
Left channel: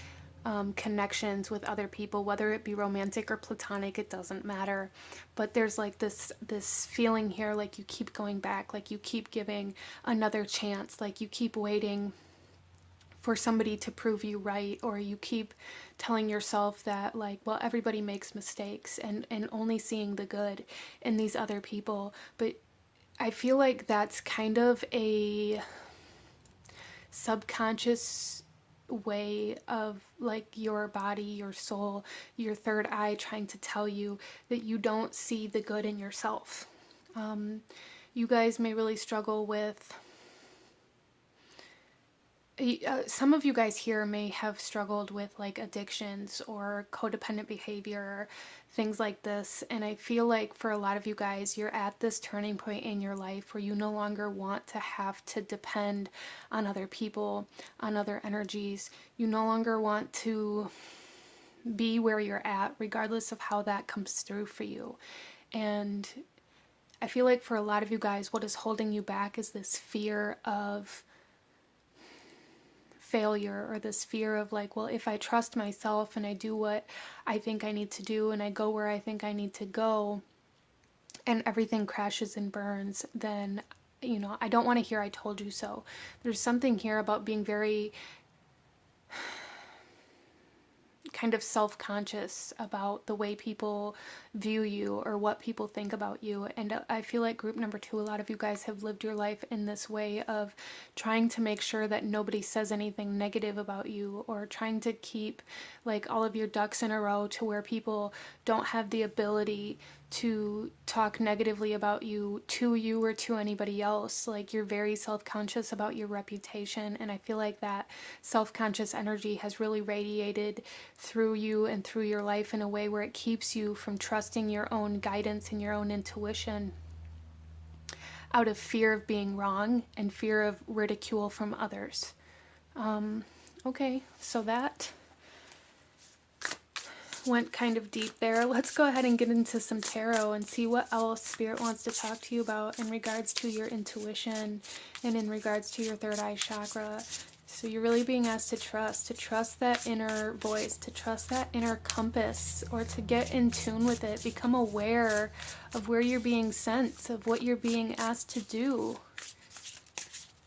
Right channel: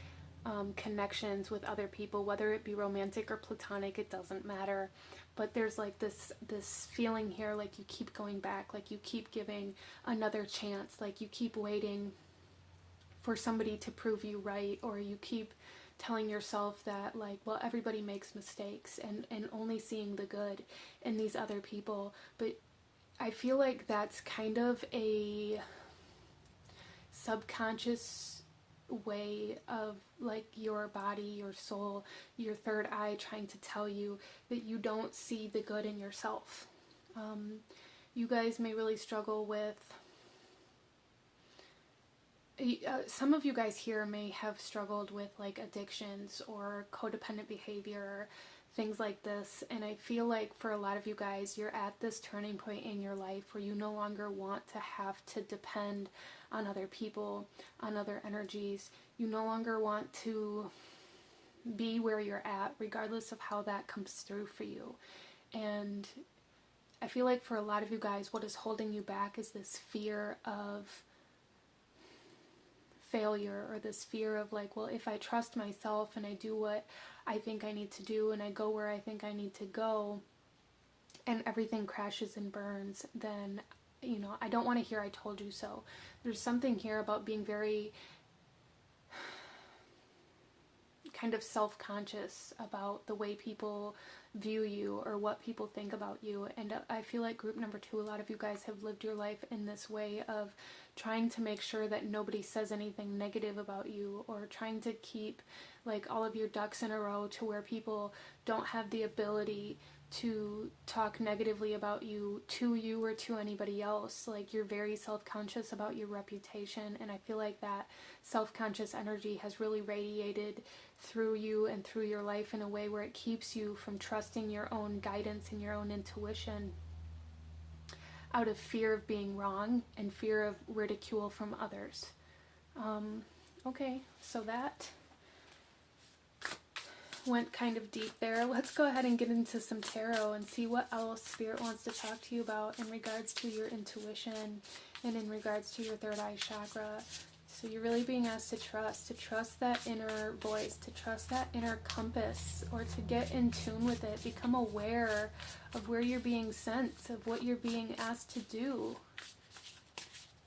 connections with other people, whether it be romantic or platonic, it doesn't matter. But there's like this feeling here, like you keep going back, like you keep giving another chance, like you keep waiting for somebody to prove you right, or you keep telling yourself that, like, well, everybody makes mistakes, and only seeing the good in these other people. But I feel like that's kind of a subconscious way of like your body, your soul, your third eye trying to tell you that you don't see the good in yourself. You guys may really struggle with some of you guys here may have struggled with like addictions or codependent behavior, things like this. And I feel like for a lot of you guys, you're at this turning point in your life where you no longer want to have to depend on other people, on other energies. You no longer want to be where you're at, regardless of how that comes through for you. And I feel like for a lot of you guys, what is holding you back is this fear of failure, or this fear of like, well, if I trust myself and I do what I think I need to do and I go where I think I need to go and everything crashes and burns, then, you know, I don't want to hear I told you so. There's something here about being very kind of self-conscious about the way people view you or what people think about you. And I feel like group number 2, a lot of you guys have lived your life in this way of trying to make sure that nobody says anything negative about you, or trying to keep like all of your ducks in a row to where people don't have the ability to talk negatively about you to you or to anybody else. Like you're very self-conscious about your reputation, and I feel like that self-conscious energy has really radiated through you and through your life in a way where it keeps you from trusting your own guidance and your own intuition out of fear of being wrong and fear of ridicule from others. Okay, so that went kind of deep there. Let's go ahead and get into some tarot and see what else Spirit wants to talk to you about in regards to your intuition and in regards to your third eye chakra. So you're really being asked to trust that inner voice, to trust that inner compass, or to get in tune with it, become aware of where you're being sent, of what you're being asked to do.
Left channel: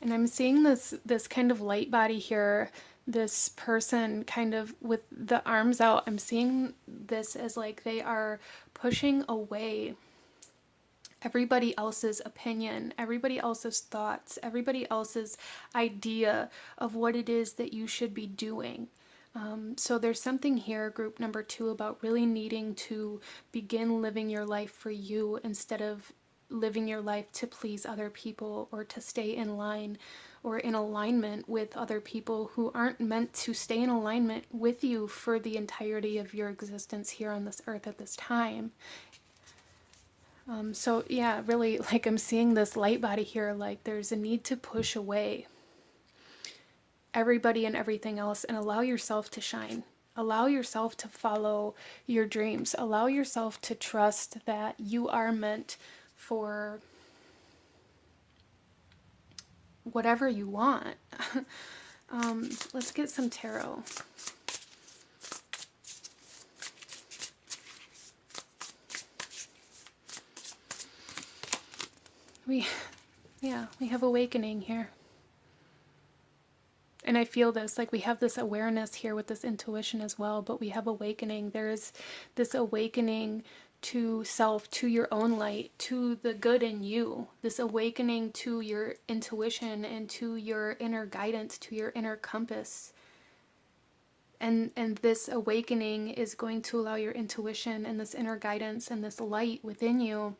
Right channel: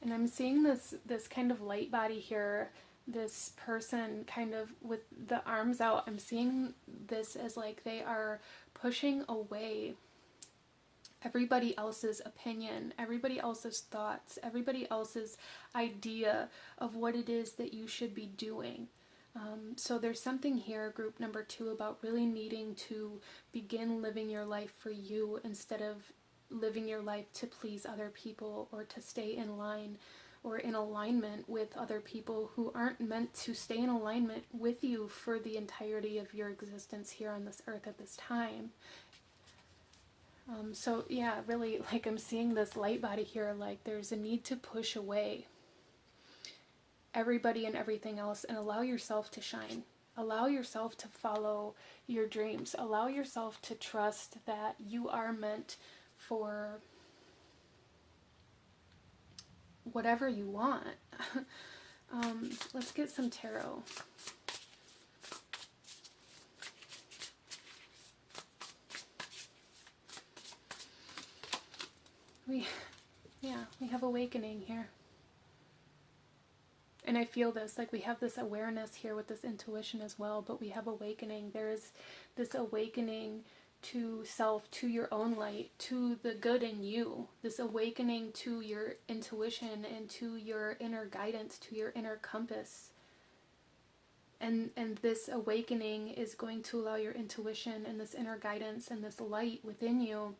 And I'm seeing this kind of light body here, this person kind of with the arms out. I'm seeing this as like they are pushing away everybody else's opinion, everybody else's thoughts, everybody else's idea of what it is that you should be doing. So there's something here, group number 2, about really needing to begin living your life for you instead of living your life to please other people or to stay in line or in alignment with other people who aren't meant to stay in alignment with you for the entirety of your existence here on this earth at this time. So yeah, really, like I'm seeing this light body here, like there's a need to push away everybody and everything else and allow yourself to shine. Allow yourself to follow your dreams. Allow yourself to trust that you are meant for whatever you want. Let's get some tarot. We have awakening here. And I feel this, like we have this awareness here with this intuition as well, but we have awakening. There's this awakening to self, to your own light, to the good in you, this awakening to your intuition and to your inner guidance, to your inner compass. And this awakening is going to allow your intuition and this inner guidance and this light within you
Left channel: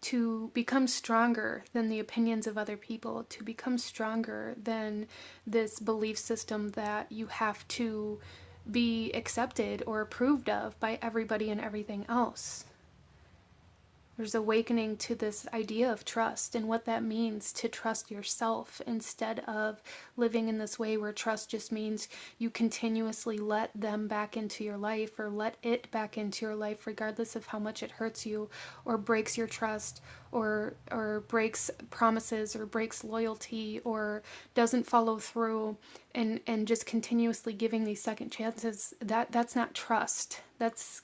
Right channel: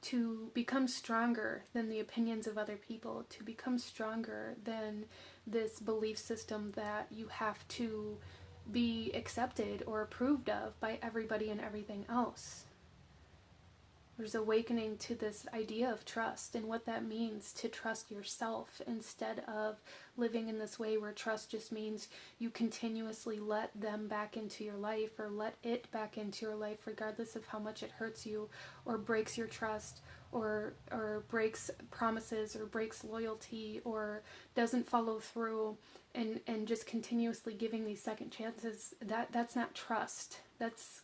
to become stronger than the opinions of other people, to become stronger than this belief system that you have to be accepted or approved of by everybody and everything else. There's awakening to this idea of trust and what that means to trust yourself, instead of living in this way where trust just means you continuously let them back into your life, or let it back into your life, regardless of how much it hurts you or breaks your trust, or breaks promises, or breaks loyalty, or doesn't follow through, and just continuously giving these second chances. That's not trust. That's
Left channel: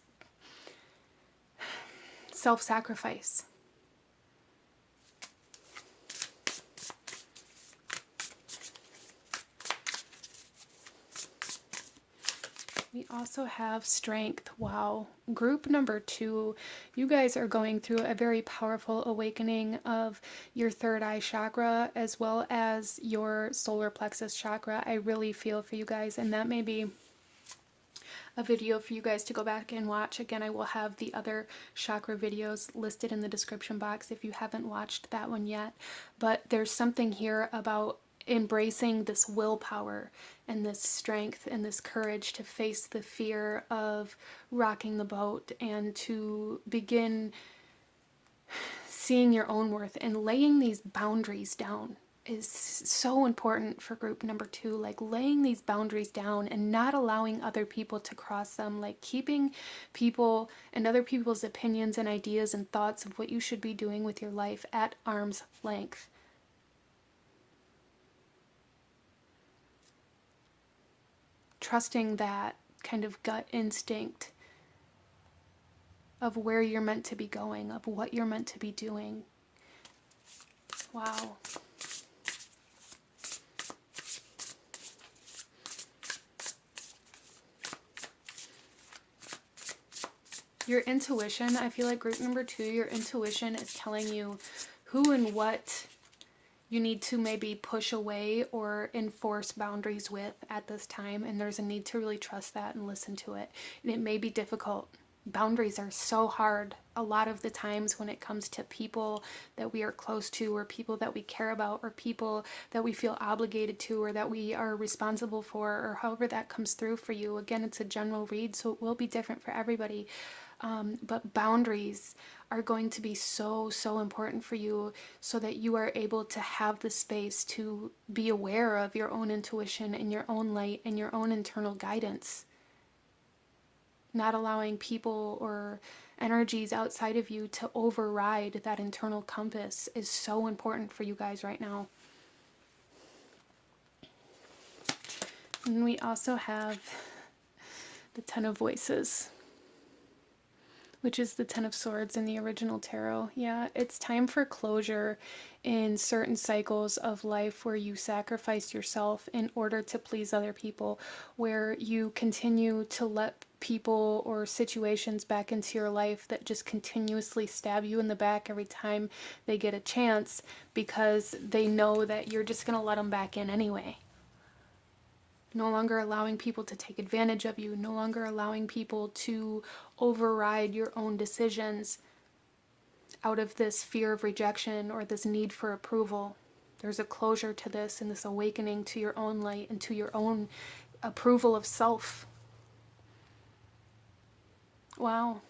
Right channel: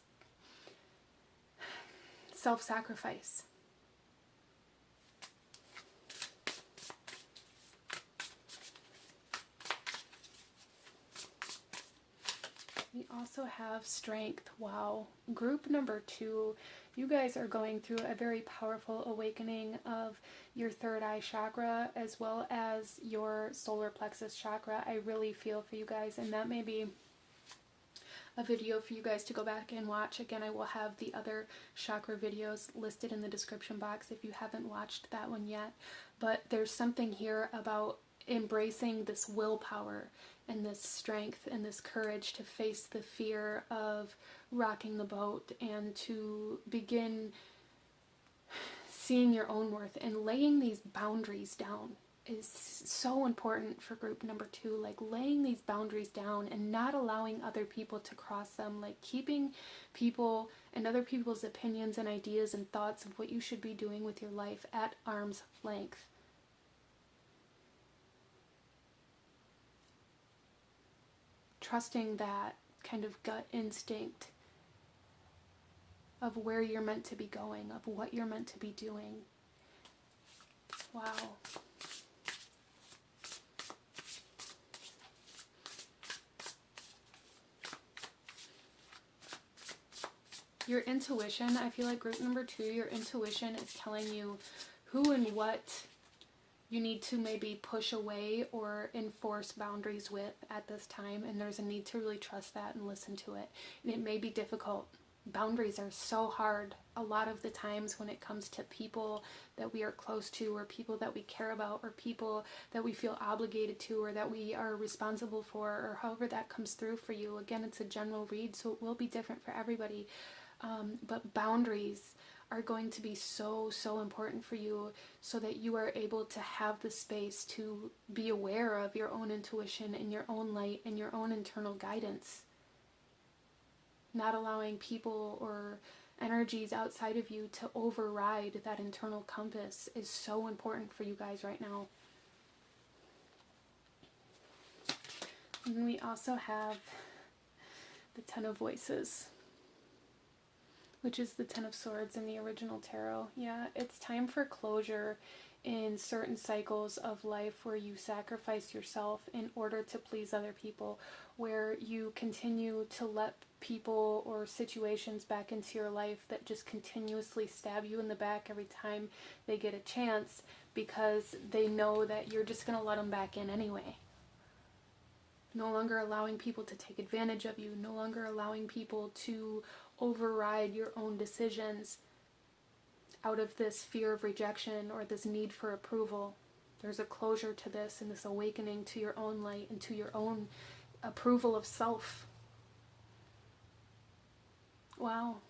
self-sacrifice. We also have strength. Wow. Group number 2, you guys are going through a very powerful awakening of your third eye chakra, as well as your solar plexus chakra. I really feel for you guys, and that may be a video for you guys to go back and watch. Again, I will have the other chakra videos listed in the description box if you haven't watched that one yet. But there's something here about embracing this willpower and this strength and this courage to face the fear of rocking the boat, and to begin seeing your own worth and laying these boundaries down is so important for group number 2. Like, laying these boundaries down and not allowing other people to cross them, like keeping people and other people's opinions and ideas and thoughts of what you should be doing with your life at arm's length. Trusting that kind of gut instinct of where you're meant to be going, of what you're meant to be doing. Wow. Your intuition, I feel like group number 2, your intuition is telling you who and what you need to maybe push away or enforce boundaries with at this time. And there's a need to really trust that and listen to it. And it may be difficult. Boundaries are so hard a lot of the times when it comes to people that we are close to, or people that we care about, or people that we feel obligated to, or that we are responsible for, or however that comes through for you. Again, it's a general read, so it will be different for everybody. But boundaries are going to be so important for you, so that you are able to have the space to be aware of your own intuition and your own light and your own internal guidance. Not allowing people or energies outside of you to override that internal compass is so important for you guys right now. And we also have the Ten of Voices, which is the Ten of Swords in the original tarot. Yeah, it's time for closure in certain cycles of life where you sacrifice yourself in order to please other people, where you continue to let people or situations back into your life that just continuously stab you in the back every time they get a chance, because they know that you're just going to let them back in anyway. No longer allowing people to take advantage of you, no longer allowing people to override your own decisions out of this fear of rejection or this need for approval. There's a closure to this, and this awakening to your own light and to your own approval of self. Wow.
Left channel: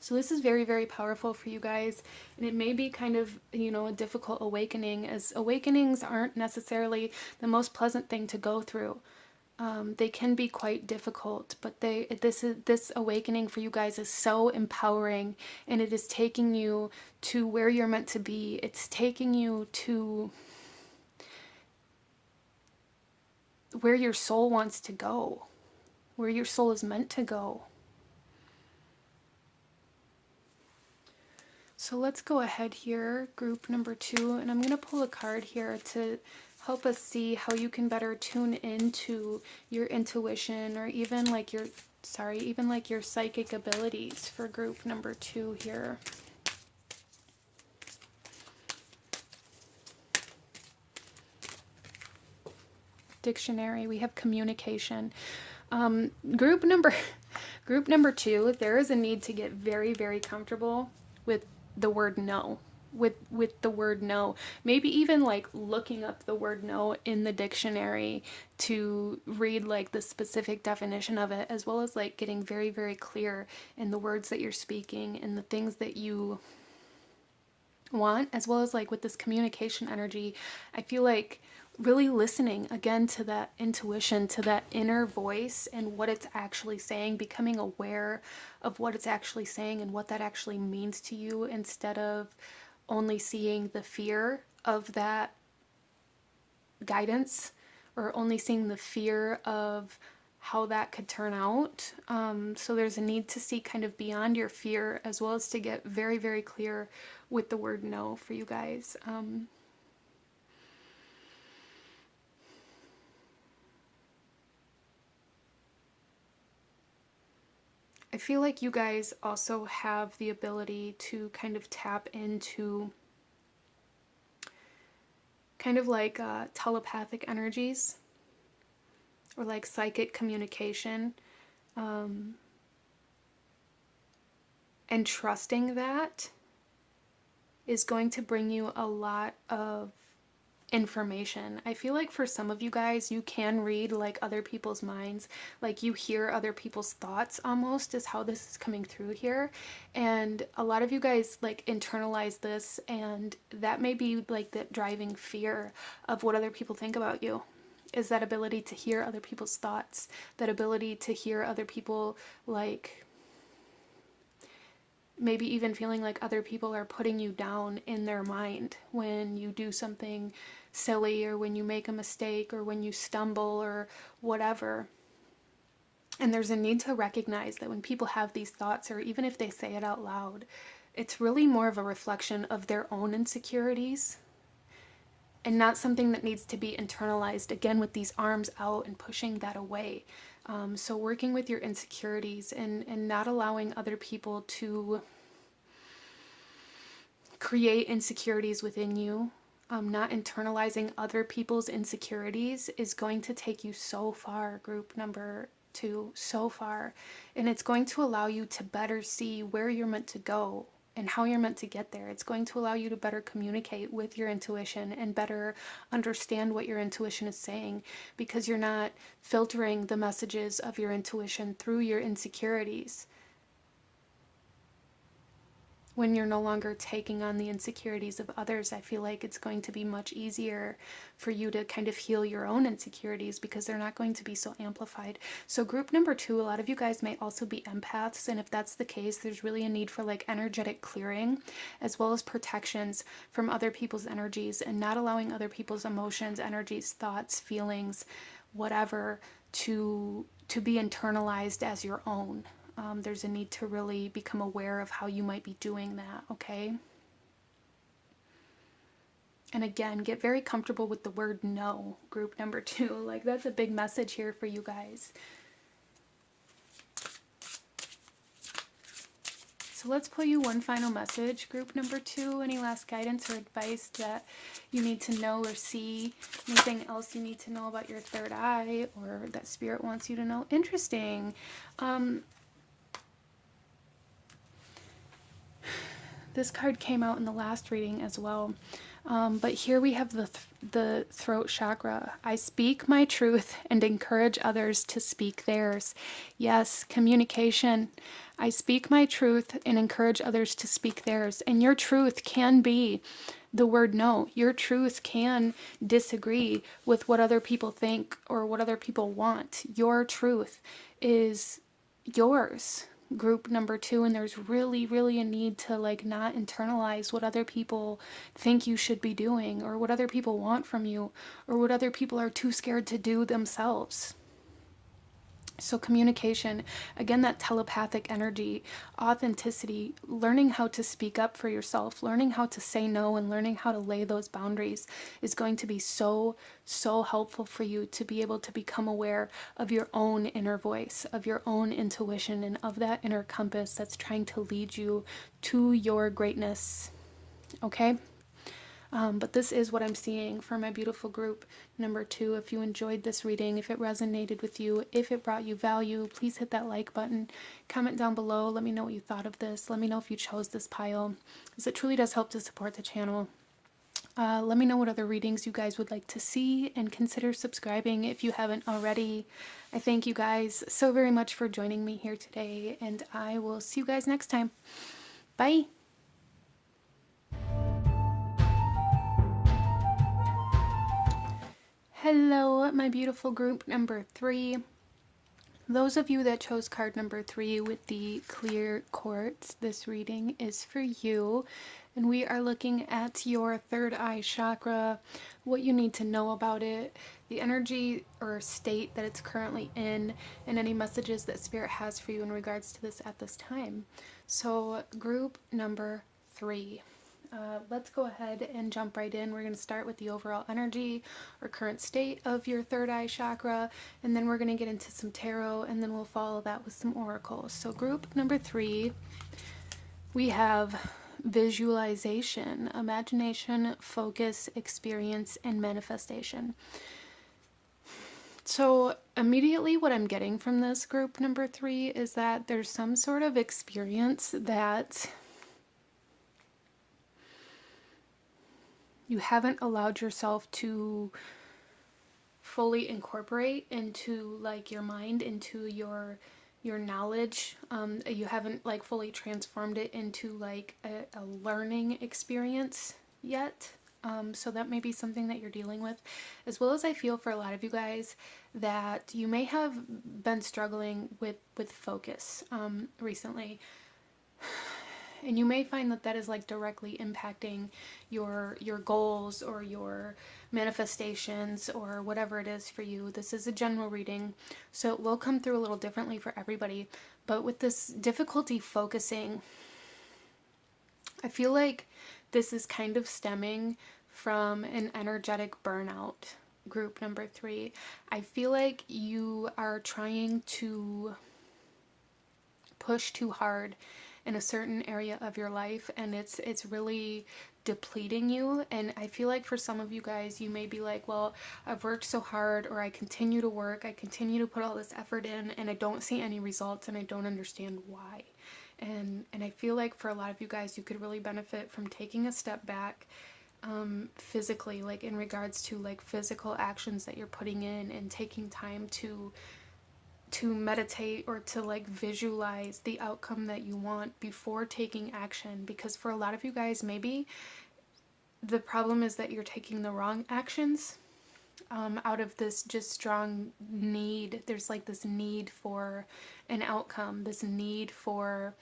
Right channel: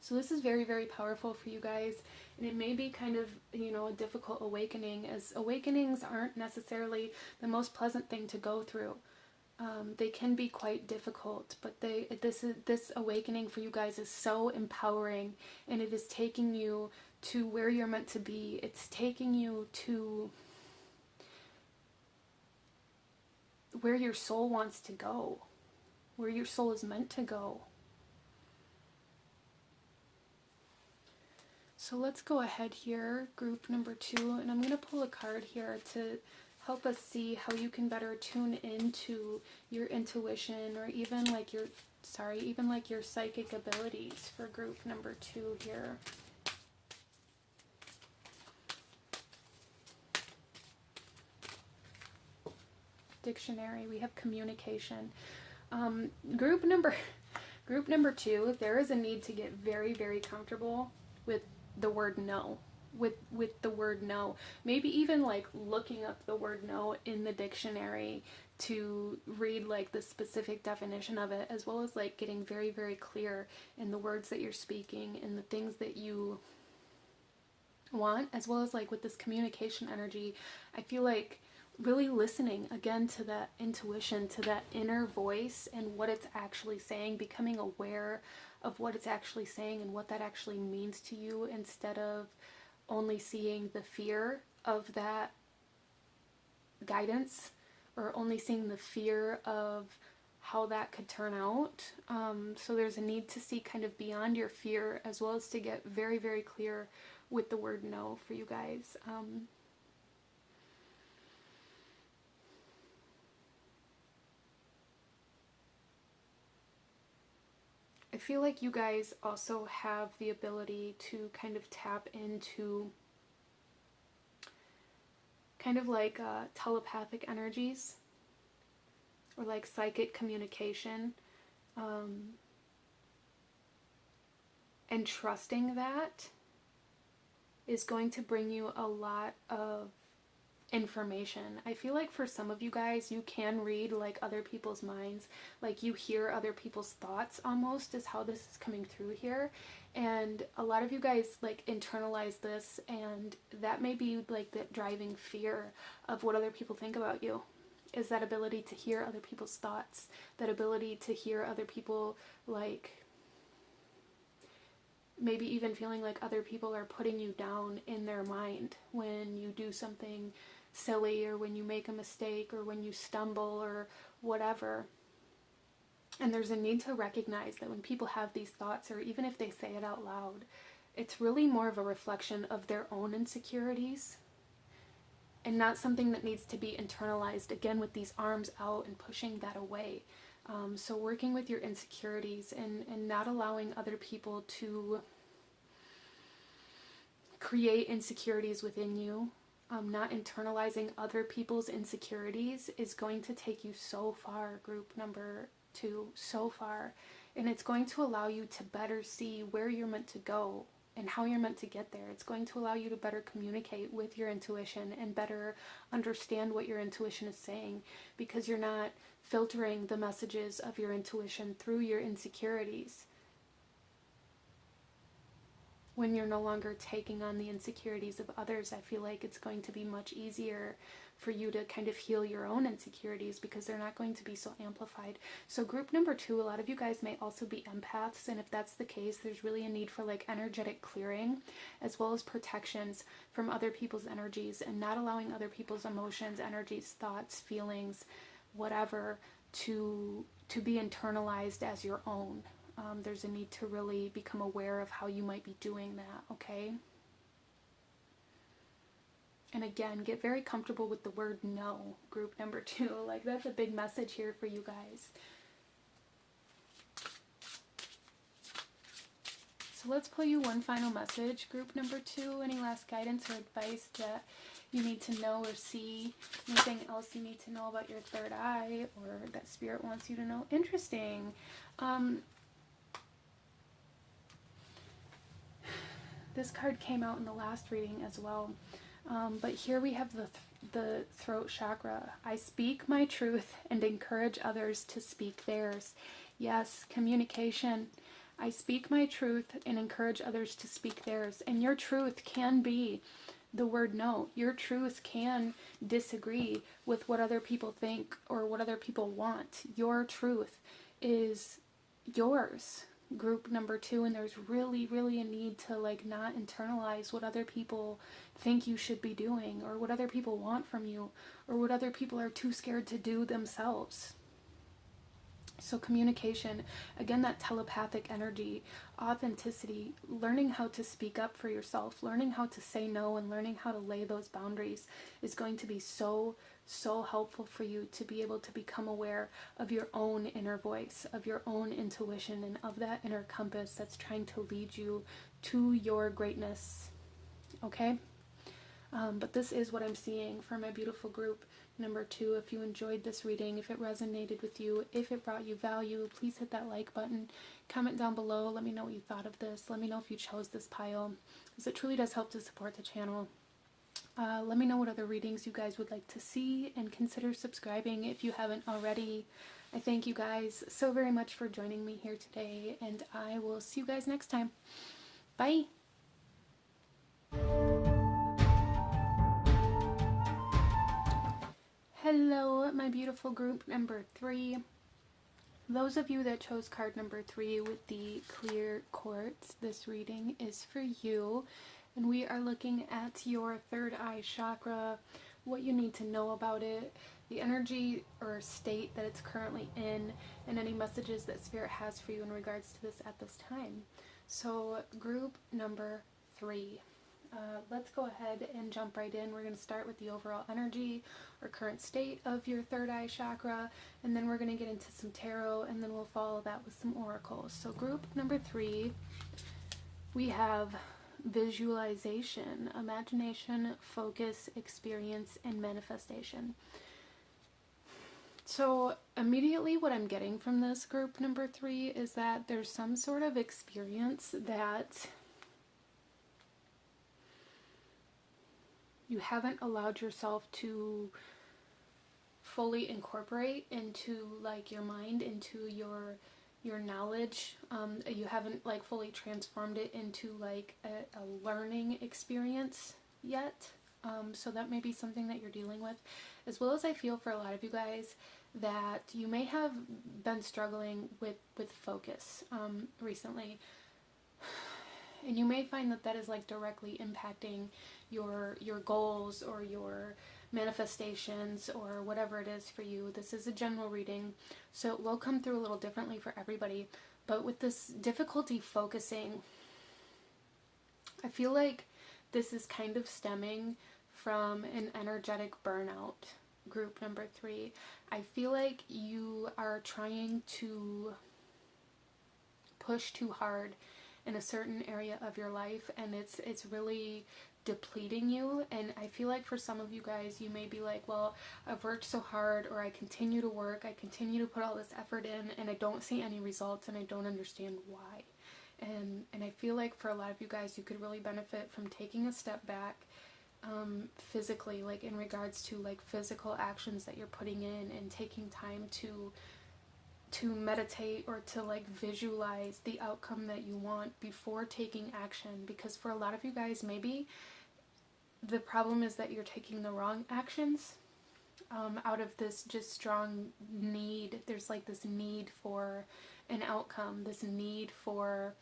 So this is very powerful for you guys, and it may be kind of, a difficult awakening, as awakenings aren't necessarily the most pleasant thing to go through. They can be quite difficult, but this awakening for you guys is so empowering, and it is taking you to where you're meant to be. It's taking you to where your soul wants to go, where your soul is meant to go. So let's go ahead here, group number 2, and I'm going to pull a card here to help us see how you can better tune into your intuition, or even like your sorry, even like your psychic abilities for group number 2 here. Dictionary, we have communication. Group number 2, there is a need to get very, very comfortable with the word no. With the word no. Maybe even like looking up the word no in the dictionary to read like the specific definition of it, as well as like getting very, very clear in the words that you're speaking and the things that you want, as well as like with this communication energy. I feel like really listening again to that intuition, to that inner voice and what it's actually saying, becoming aware of what it's actually saying and what that actually means to you, instead of only seeing the fear of that guidance, or only seeing the fear of how that could turn out. So there's a need to see kind of beyond your fear, as well as to get very, very clear with the word no for you guys. I feel like you guys also have the ability to kind of tap into kind of like telepathic energies, or like psychic communication, and trusting that is going to bring you a lot of information. I feel like for some of you guys, you can read like other people's minds, like you hear other people's thoughts almost, is how this is coming through here. And a lot of you guys like internalize this, and that may be like the driving fear of what other people think about you, is that ability to hear other people's thoughts, that ability to hear other people, like maybe even feeling like other people are putting you down in their mind when you do something silly, or when you make a mistake, or when you stumble, or whatever. And there's a need to recognize that when people have these thoughts, or even if they say it out loud, it's really more of a reflection of their own insecurities, and not something that needs to be internalized, again, with these arms out and pushing that away. So working with your insecurities, and not allowing other people to create insecurities within you, not internalizing other people's insecurities, is going to take you so far, group number 2, so far. And it's going to allow you to better see where you're meant to go and how you're meant to get there. It's going to allow you to better communicate with your intuition and better understand what your intuition is saying, because you're not filtering the messages of your intuition through your insecurities. When you're no longer taking on the insecurities of others, I feel like it's going to be much easier for you to kind of heal your own insecurities, because they're not going to be so amplified. So group number 2, a lot of you guys may also be empaths, and if that's the case, there's really a need for like energetic clearing, as well as protections from other people's energies, and not allowing other people's emotions, energies, thoughts, feelings, whatever, to be internalized as your own. There's a need to really become aware of how you might be doing that, okay? And again, get very comfortable with the word no, group number 2. Like, that's a big message here for you guys. So let's pull you one final message, group number 2. Any last guidance or advice that you need to know or see? Anything else you need to know about your third eye, or that spirit wants you to know? Interesting. This card came out in the last reading as well. But here we have the throat chakra. I speak my truth and encourage others to speak theirs. Yes, communication. I speak my truth and encourage others to speak theirs. And your truth can be the word no. Your truth can disagree with what other people think or what other people want. Your truth is yours, group number 2, and there's really, really a need to like not internalize what other people think you should be doing, or what other people want from you, or what other people are too scared to do themselves. So communication, again, that telepathic energy, authenticity, learning how to speak up for yourself, learning how to say no, and learning how to lay those boundaries is going to be so, so helpful for you to be able to become aware of your own inner voice, of your own intuition, and of that inner compass that's trying to lead you to your greatness. Okay? But this is what I'm seeing for my beautiful group number 2. If you enjoyed this reading, if it resonated with you, if it brought you value, please hit that like button. Comment down below. Let me know what you thought of this. Let me know if you chose this pile, because it truly does help to support the channel. Let me know what other readings you guys would like to see, and consider subscribing if you haven't already. I thank you guys so very much for joining me here today, and I will see you guys next time. Bye! Hello, my beautiful group number 3. Those of you that chose card number 3 with the clear quartz, this reading is for you. And we are looking at your third eye chakra, what you need to know about it, the energy or state that it's currently in, and any messages that Spirit has for you in regards to this at this time. So, group number 3. Let's go ahead and jump right in. We're going to start with the overall energy or current state of your third eye chakra, and then we're going to get into some tarot, and then we'll follow that with some oracles. So group number 3, we have visualization, imagination, focus, experience, and manifestation. So immediately what I'm getting from this group number 3 is that there's some sort of experience that you haven't allowed yourself to fully incorporate into like your mind, into your knowledge. You haven't like fully transformed it into like a learning experience yet. So that may be something that you're dealing with, as well as I feel for a lot of you guys that you may have been struggling with focus recently. And you may find that that is like directly impacting your goals or your manifestations or whatever it is for you. This is a general reading, so it will come through a little differently for everybody. But with this difficulty focusing, I feel like this is kind of stemming from an energetic burnout. Group number 3. I feel like you are trying to push too hard in a certain area of your life, and it's really depleting you. And I feel like for some of you guys, you may be like, well, I've worked so hard, or I continue to work, I continue to put all this effort in, and I don't see any results, and I don't understand why. And I feel like for a lot of you guys, you could really benefit from taking a step back, physically, like in regards to like physical actions that you're putting in, and taking time to meditate or to like visualize the outcome that you want before taking action. Because for a lot of you guys, maybe the problem is that you're taking the wrong actions out of this just strong need. There's like this need for an outcome, this need for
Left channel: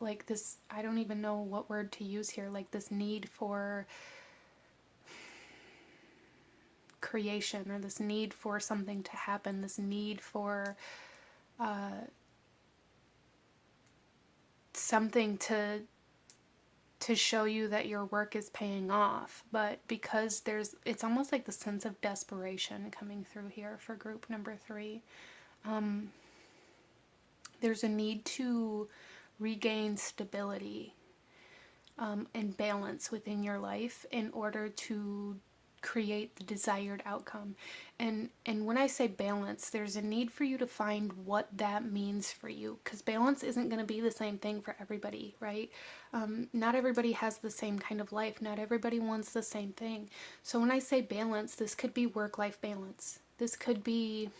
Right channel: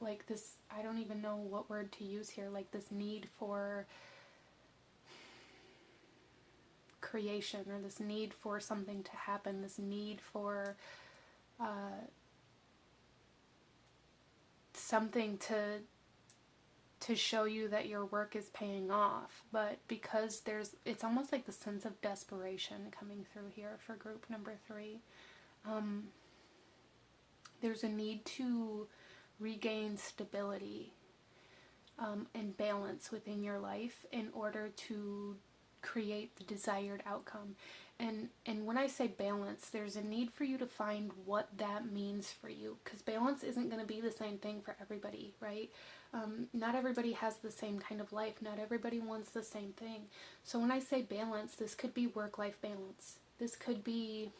like this, I don't even know what word to use here, like this need for creation, or this need for something to happen, this need for something to show you that your work is paying off. But because it's almost like the sense of desperation coming through here for group number 3. There's a need to regain stability and balance within your life in order to create the desired outcome. And when I say balance, there's a need for you to find what that means for you, because balance isn't going to be the same thing for everybody, right? Not everybody has the same kind of life. Not everybody wants the same thing. So when I say balance, this could be work-life balance. This could be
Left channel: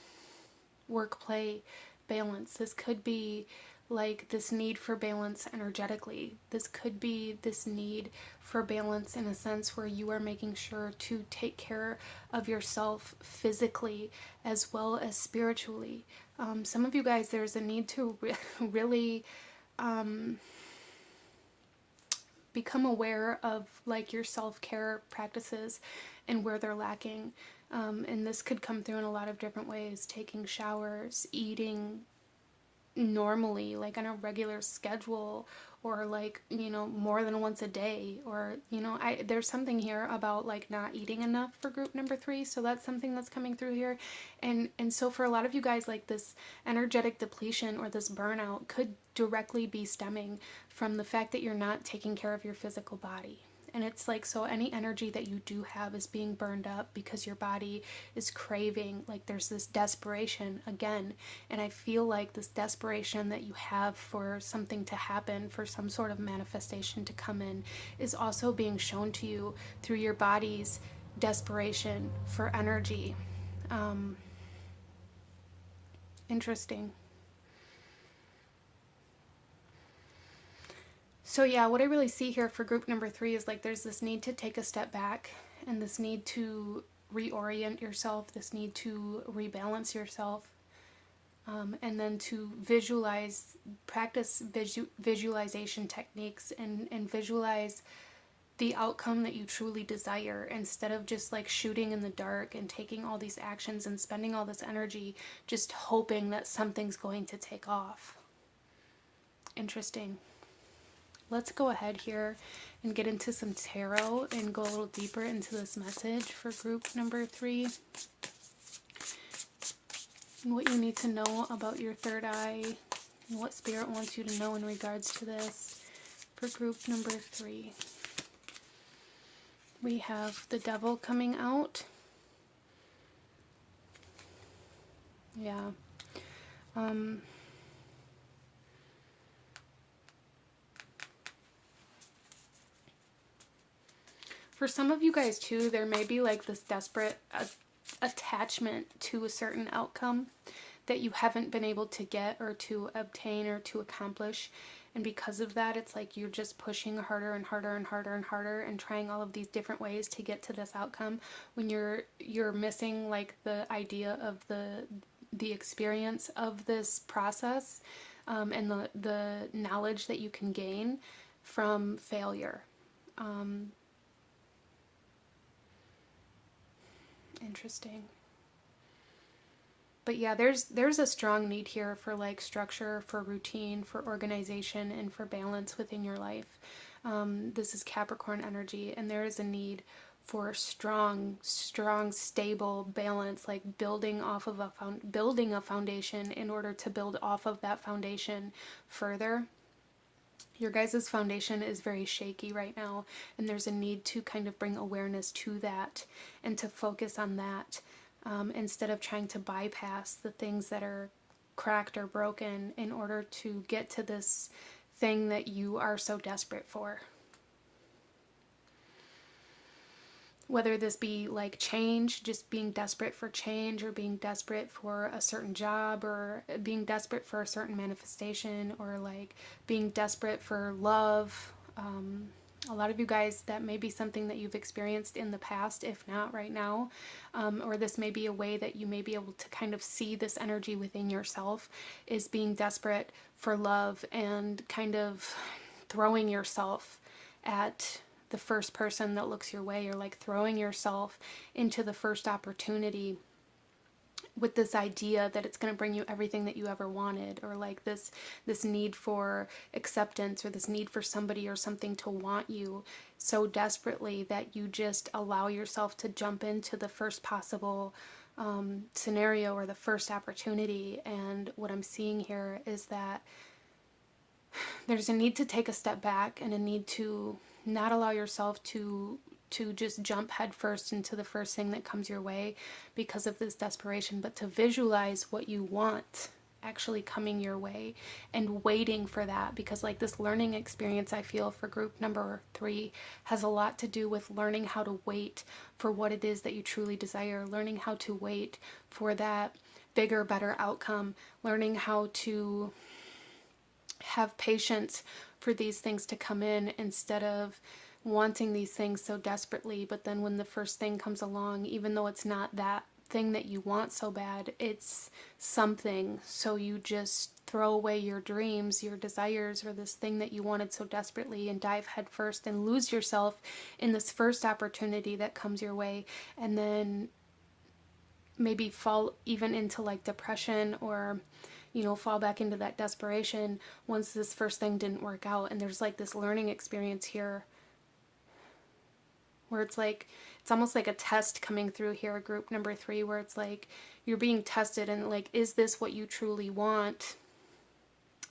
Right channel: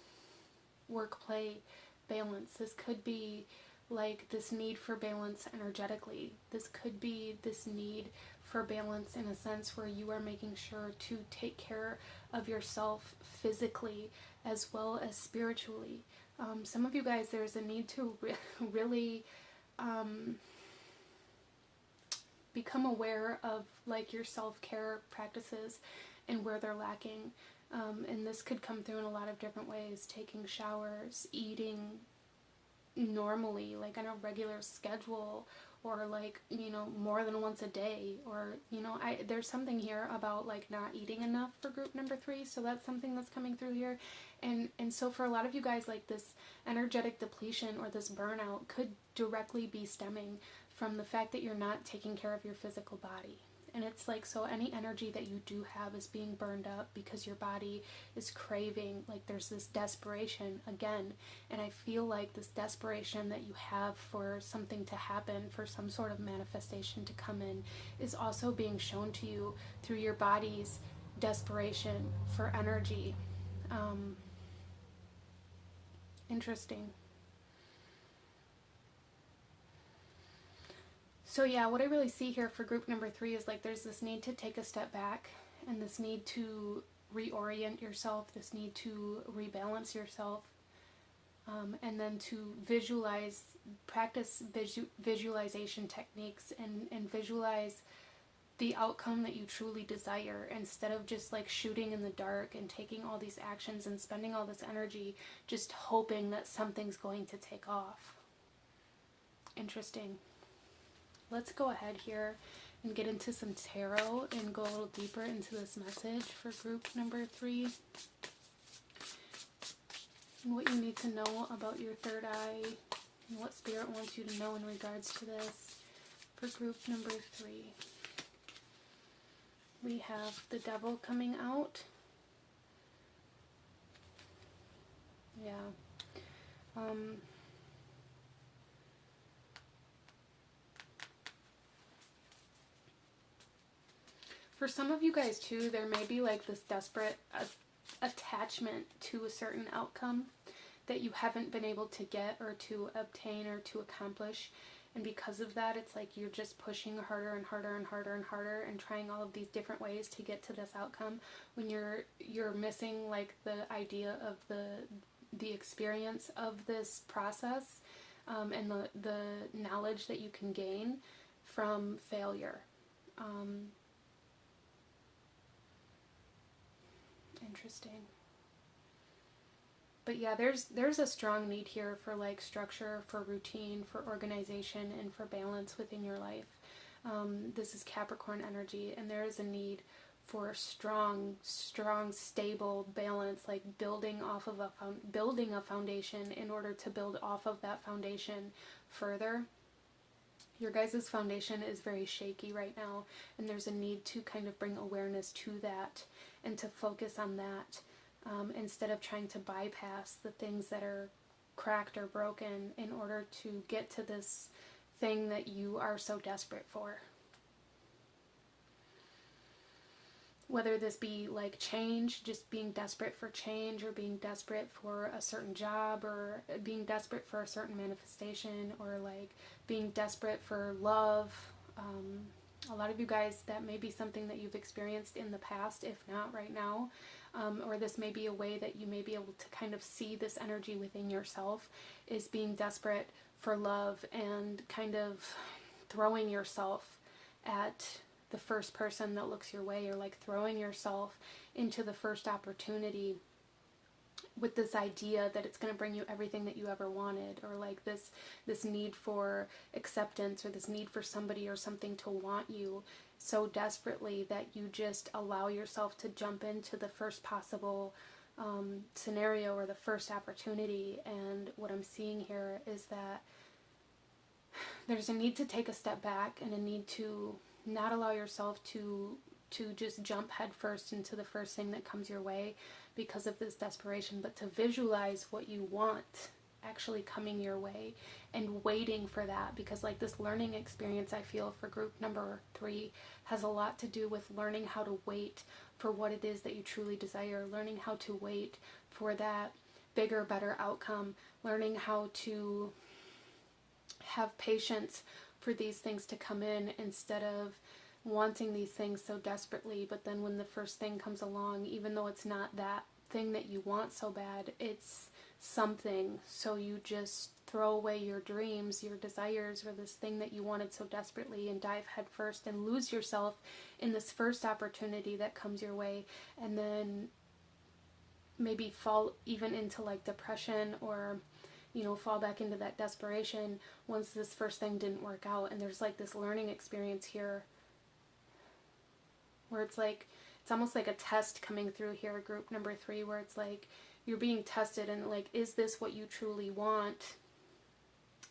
work-play balance. This could be like this need for balance energetically. This could be this need for balance in a sense where you are making sure to take care of yourself physically as well as spiritually. Some of you guys, there's a need to really become aware of like your self-care practices and where they're lacking. And this could come through in a lot of different ways: taking showers, eating normally, like on a regular schedule, or like, you know, more than once a day, or, you know, there's something here about like not eating enough for group number 3, so that's something that's coming through here. And so for a lot of you guys, like this energetic depletion or this burnout could directly be stemming from the fact that you're not taking care of your physical body. And it's like, so any energy that you do have is being burned up because your body is craving, like there's this desperation again. And I feel like this desperation that you have for something to happen, for some sort of manifestation to come in, is also being shown to you through your body's desperation for energy. Interesting. So yeah, what I really see here for group number 3 is like there's this need to take a step back, and this need to reorient yourself, this need to rebalance yourself, and then to practice visualization techniques, and visualize the outcome that you truly desire, instead of just like shooting in the dark and taking all these actions and spending all this energy just hoping that something's going to take off. Interesting. Let's go ahead here and get into some tarot and go a little deeper into this message for group number 3. And what you need to know about your third eye, and what Spirit wants you to know in regards to this for group number 3. We have the Devil coming out. Yeah. For some of you guys too, there may be like this desperate attachment to a certain outcome that you haven't been able to get or to obtain or to accomplish. And because of that, it's like you're just pushing harder and harder and harder and harder and trying all of these different ways to get to this outcome, when you're missing like the idea of the experience of this process, and the knowledge that you can gain from failure. Interesting. But yeah, there's a strong need here for like structure, for routine, for organization, and for balance within your life. This is Capricorn energy, and there is a need for strong, stable balance, like building a foundation in order to build off of that foundation further. Your guys' foundation is very shaky right now, and there's a need to kind of bring awareness to that and to focus on that, instead of trying to bypass the things that are cracked or broken in order to get to this thing that you are so desperate for. Whether this be like change, just being desperate for change, or being desperate for a certain job, or being desperate for a certain manifestation, or like being desperate for love. A lot of you guys, that may be something that you've experienced in the past, if not right now. Or this may be a way that you may be able to kind of see this energy within yourself, is being desperate for love and kind of throwing yourself at the first person that looks your way, or like throwing yourself into the first opportunity with this idea that it's going to bring you everything that you ever wanted, or like this need for acceptance, or this need for somebody or something to want you so desperately that you just allow yourself to jump into the first possible scenario or the first opportunity. And what I'm seeing here is that there's a need to take a step back, and a need to not allow yourself to just jump headfirst into the first thing that comes your way because of this desperation, but to visualize what you want actually coming your way and waiting for that. Because like this learning experience, I feel for group number 3 has a lot to do with learning how to wait for what it is that you truly desire, learning how to wait for that bigger, better outcome, learning how to have patience for these things to come in, instead of wanting these things so desperately. But then when the first thing comes along, even though it's not that thing that you want so bad, it's something, so you just throw away your dreams, your desires, or this thing that you wanted so desperately, and dive headfirst and lose yourself in this first opportunity that comes your way. And then maybe fall even into like depression, or fall back into that desperation once this first thing didn't work out. And there's like this learning experience here where it's like, it's almost like a test coming through here, group number 3, where it's like you're being tested, and like, is this what you truly want?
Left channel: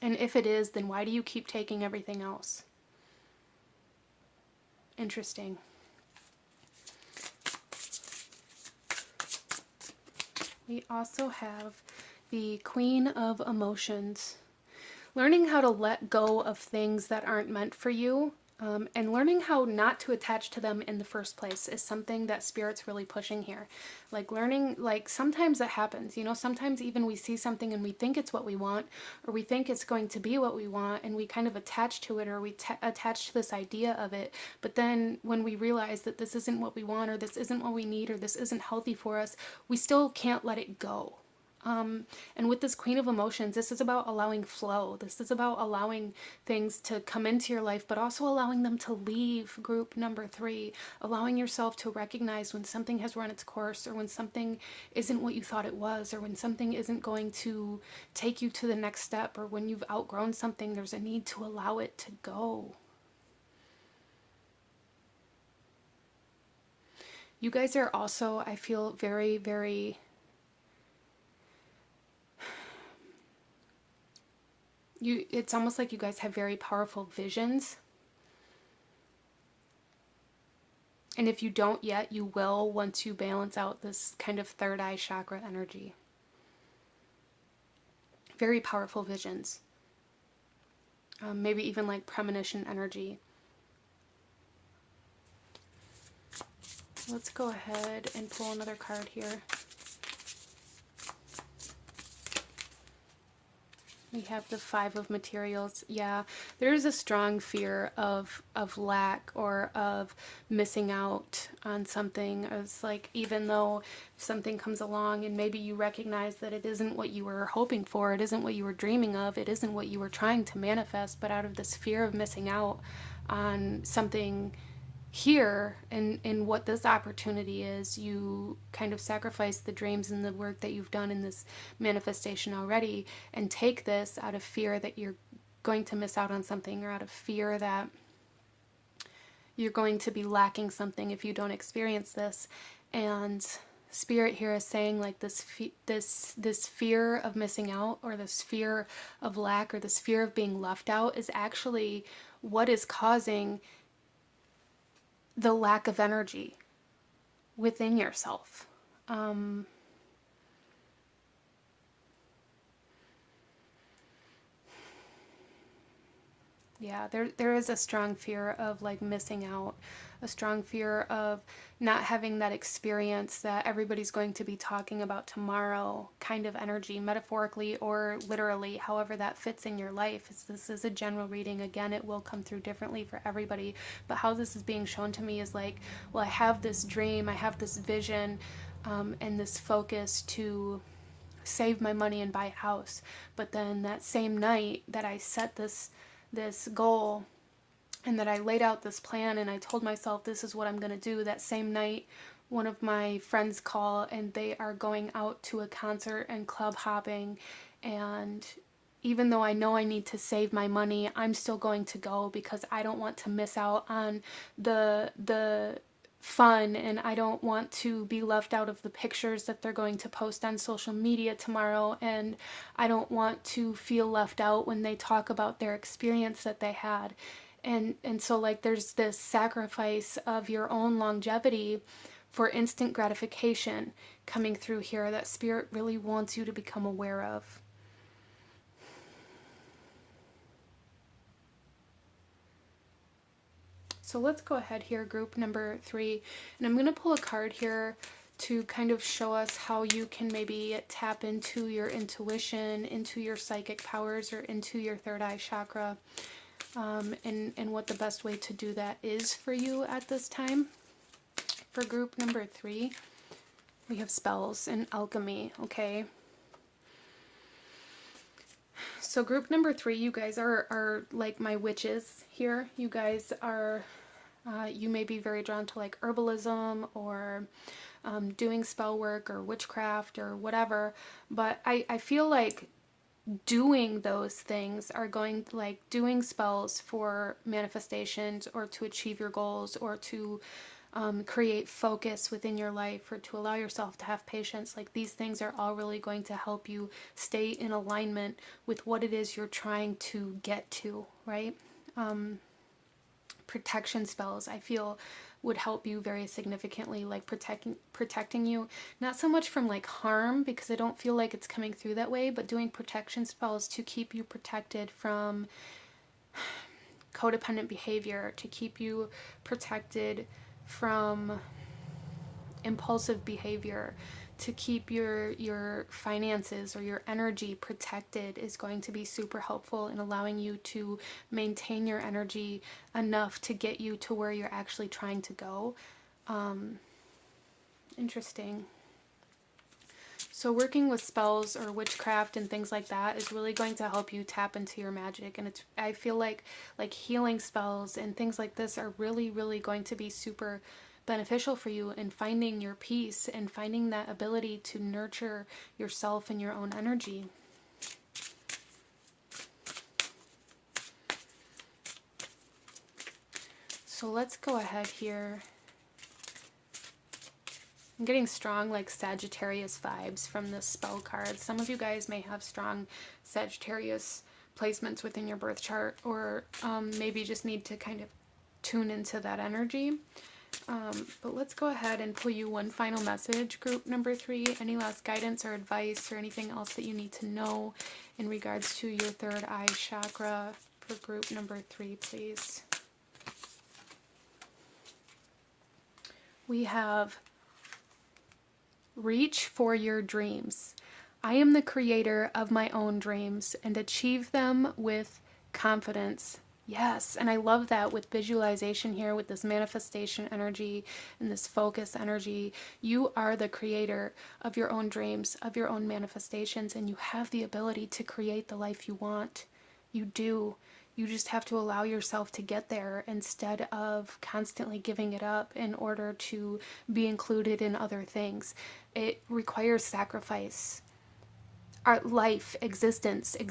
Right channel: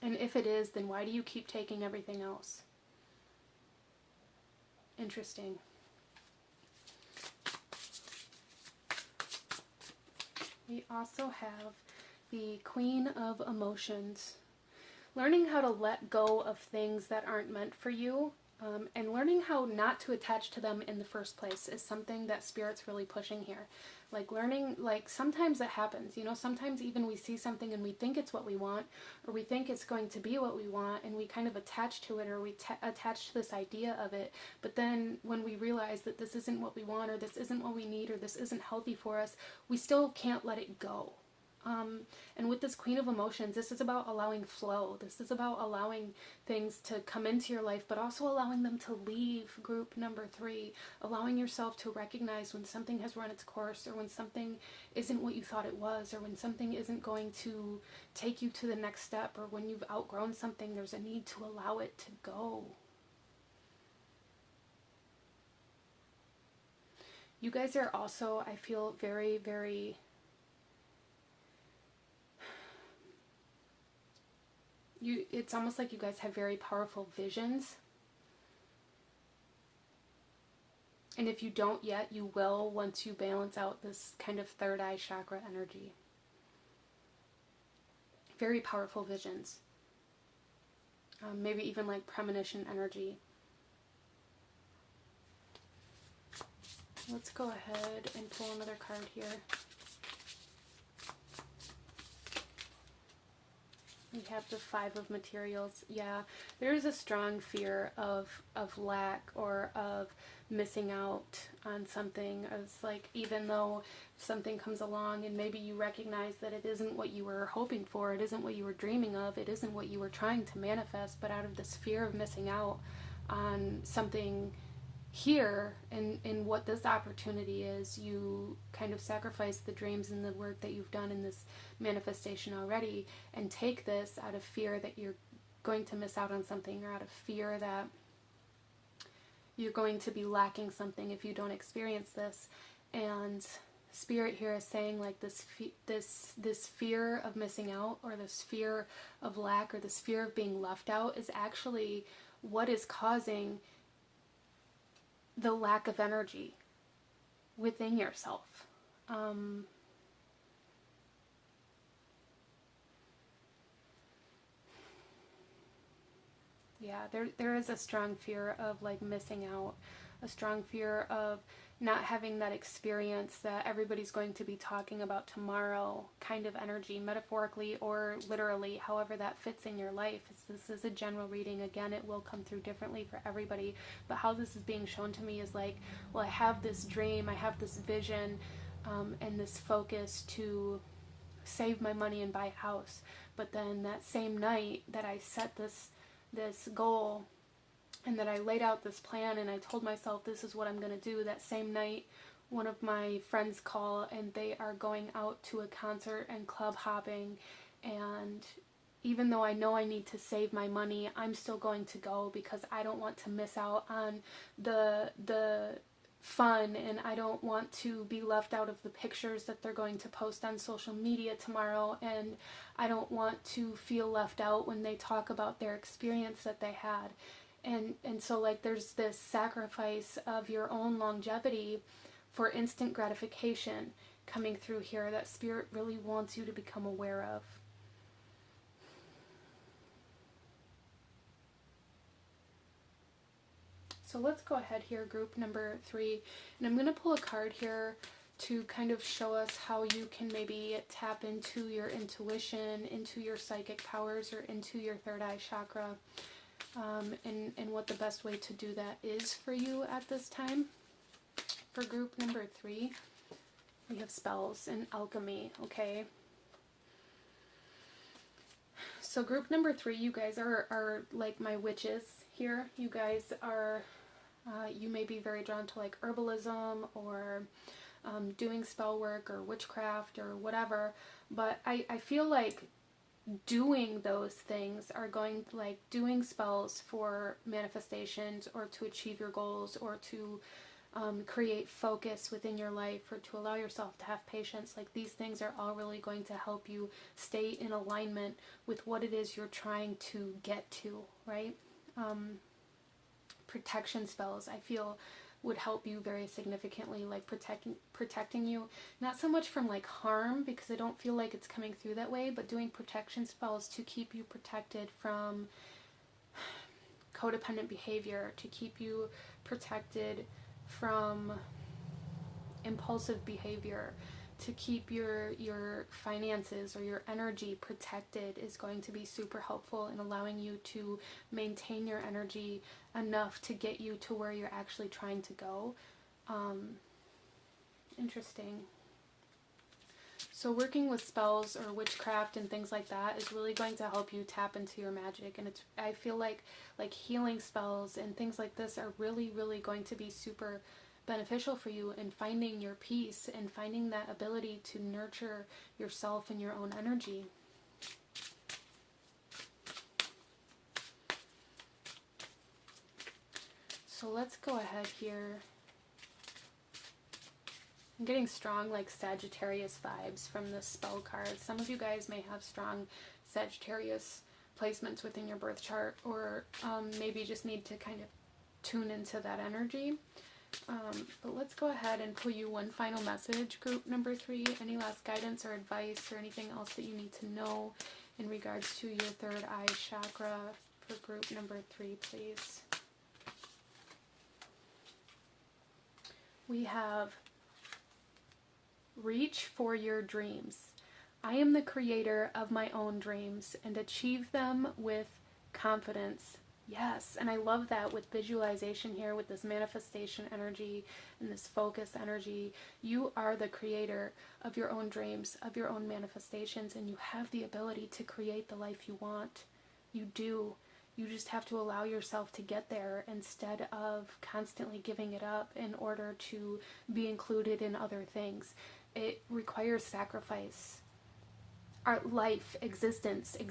And if it is, then why do you keep taking everything else? Interesting. We also have the Queen of Emotions. Learning how to let go of things that aren't meant for you, and learning how not to attach to them in the first place is something that Spirit's really pushing here. Like learning, like sometimes it happens, sometimes even we see something and we think it's what we want, or we think it's going to be what we want, and we kind of attach to it, or we attach to this idea of it. But then when we realize that this isn't what we want, or this isn't what we need, or this isn't healthy for us, we still can't let it go. And with this Queen of Emotions, this is about allowing flow. This is about allowing things to come into your life, but also allowing them to leave, group number 3. Allowing yourself to recognize when something has run its course, or when something isn't what you thought it was, or when something isn't going to take you to the next step, or when you've outgrown something, there's a need to allow it to go. You guys are also, I feel, very, very... it's almost like you guys have very powerful visions. And if you don't yet, you will once you balance out this kind of third eye chakra energy. Very powerful visions. Maybe even like premonition energy. Let's go ahead and pull another card here. We have the 5 of Materials. Yeah, there's a strong fear of lack, or of missing out on something. It's like, even though something comes along and maybe you recognize that it isn't what you were hoping for, it isn't what you were dreaming of, it isn't what you were trying to manifest, but out of this fear of missing out on something here, and what this opportunity is, you kind of sacrifice the dreams and the work that you've done in this manifestation already, and take this out of fear that you're going to miss out on something, or out of fear that you're going to be lacking something if you don't experience this. And Spirit here is saying, like, this fear of missing out, or this fear of lack, or this fear of being left out is actually what is causing the lack of energy within yourself. Yeah, there is a strong fear of like missing out, a strong fear of not having that experience that everybody's going to be talking about tomorrow kind of energy, metaphorically or literally, however that fits in your life. This is a general reading. Again, it will come through differently for everybody, but how this is being shown to me is like, well, I have this dream, I have this vision, and this focus to save my money and buy a house. But then that same night that I set this goal, and that I laid out this plan, and I told myself this is what I'm going to do, that same night one of my friends call, and they are going out to a concert and club hopping, and even though I know I need to save my money, I'm still going to go because I don't want to miss out on the fun, and I don't want to be left out of the pictures that they're going to post on social media tomorrow, and I don't want to feel left out when they talk about their experience that they had. And so like there's this sacrifice of your own longevity for instant gratification coming through here that Spirit really wants you to become aware of. So let's go ahead here, group number 3, and I'm going to pull a card here to kind of show us how you can maybe tap into your intuition, into your psychic powers, or into your third eye chakra, and what the best way to do that is for you at this time. For group number 3, we have spells and alchemy, okay? So group number 3, you guys are like my witches here. You guys are, you may be very drawn to like herbalism, or doing spell work or witchcraft or whatever. But I feel like doing those things are going, like doing spells for manifestations or to achieve your goals or to create focus within your life or to allow yourself to have patience, like these things are all really going to help you stay in alignment with what it is you're trying to get to, right? Protection spells, I feel, would help you very significantly, like protecting you, not so much from like harm, because I don't feel like it's coming through that way, but doing protection spells to keep you protected from codependent behavior, to keep you protected from impulsive behavior, to keep your finances or your energy protected, is going to be super helpful in allowing you to maintain your energy enough to get you to where you're actually trying to go. Interesting. So working with spells or witchcraft and things like that is really going to help you tap into your magic, and I feel like healing spells and things like this are really, really going to be super beneficial for you in finding your peace and finding that ability to nurture yourself and your own energy. So let's go ahead here. I'm getting strong like Sagittarius vibes from this spell card. Some of you guys may have strong Sagittarius placements within your birth chart, or maybe just need to kind of tune into that energy. But let's go ahead and pull you one final message, group number 3. Any last guidance or advice or anything else that you need to know in regards to your third eye chakra for group number 3, please. We have reach for your dreams. I am the creator of my own dreams and achieve them with confidence. Yes, and I love that with visualization here, with this manifestation energy and this focus energy. You are the creator of your own dreams, of your own manifestations, and you have the ability to create the life you want. You do. You just have to allow yourself to get there instead of constantly giving it up in order to be included in other things. It requires sacrifice. Our life, existence in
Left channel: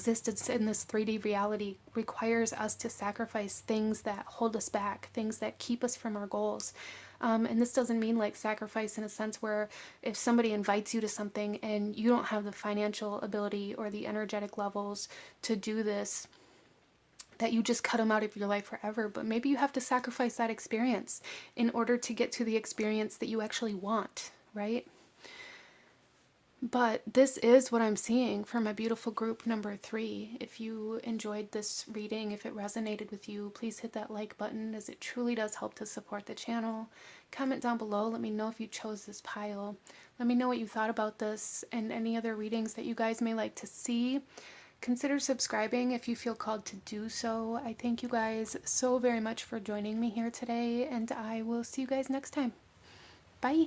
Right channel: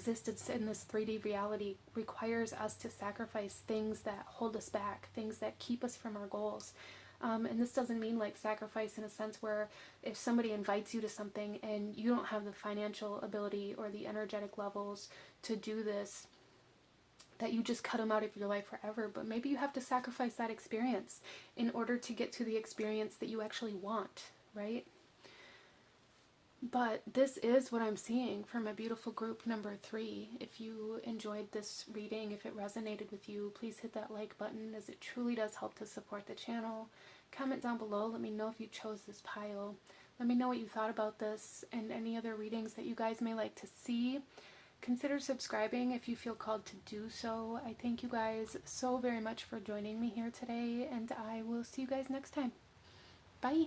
this 3D reality requires us to sacrifice things that hold us back, things that keep us from our goals. And this doesn't mean like sacrifice in a sense where if somebody invites you to something and you don't have the financial ability or the energetic levels to do this, that you just cut them out of your life forever. But maybe you have to sacrifice that experience in order to get to the experience that you actually want, right? But this is what I'm seeing for my beautiful group number 3. If you enjoyed this reading, if it resonated with you, please hit that like button, as it truly does help to support the channel. Comment down below. Let me know if you chose this pile. Let me know what you thought about this and any other readings that you guys may like to see. Consider subscribing if you feel called to do so. I thank you guys so very much for joining me here today, and I will see you guys next time. Bye!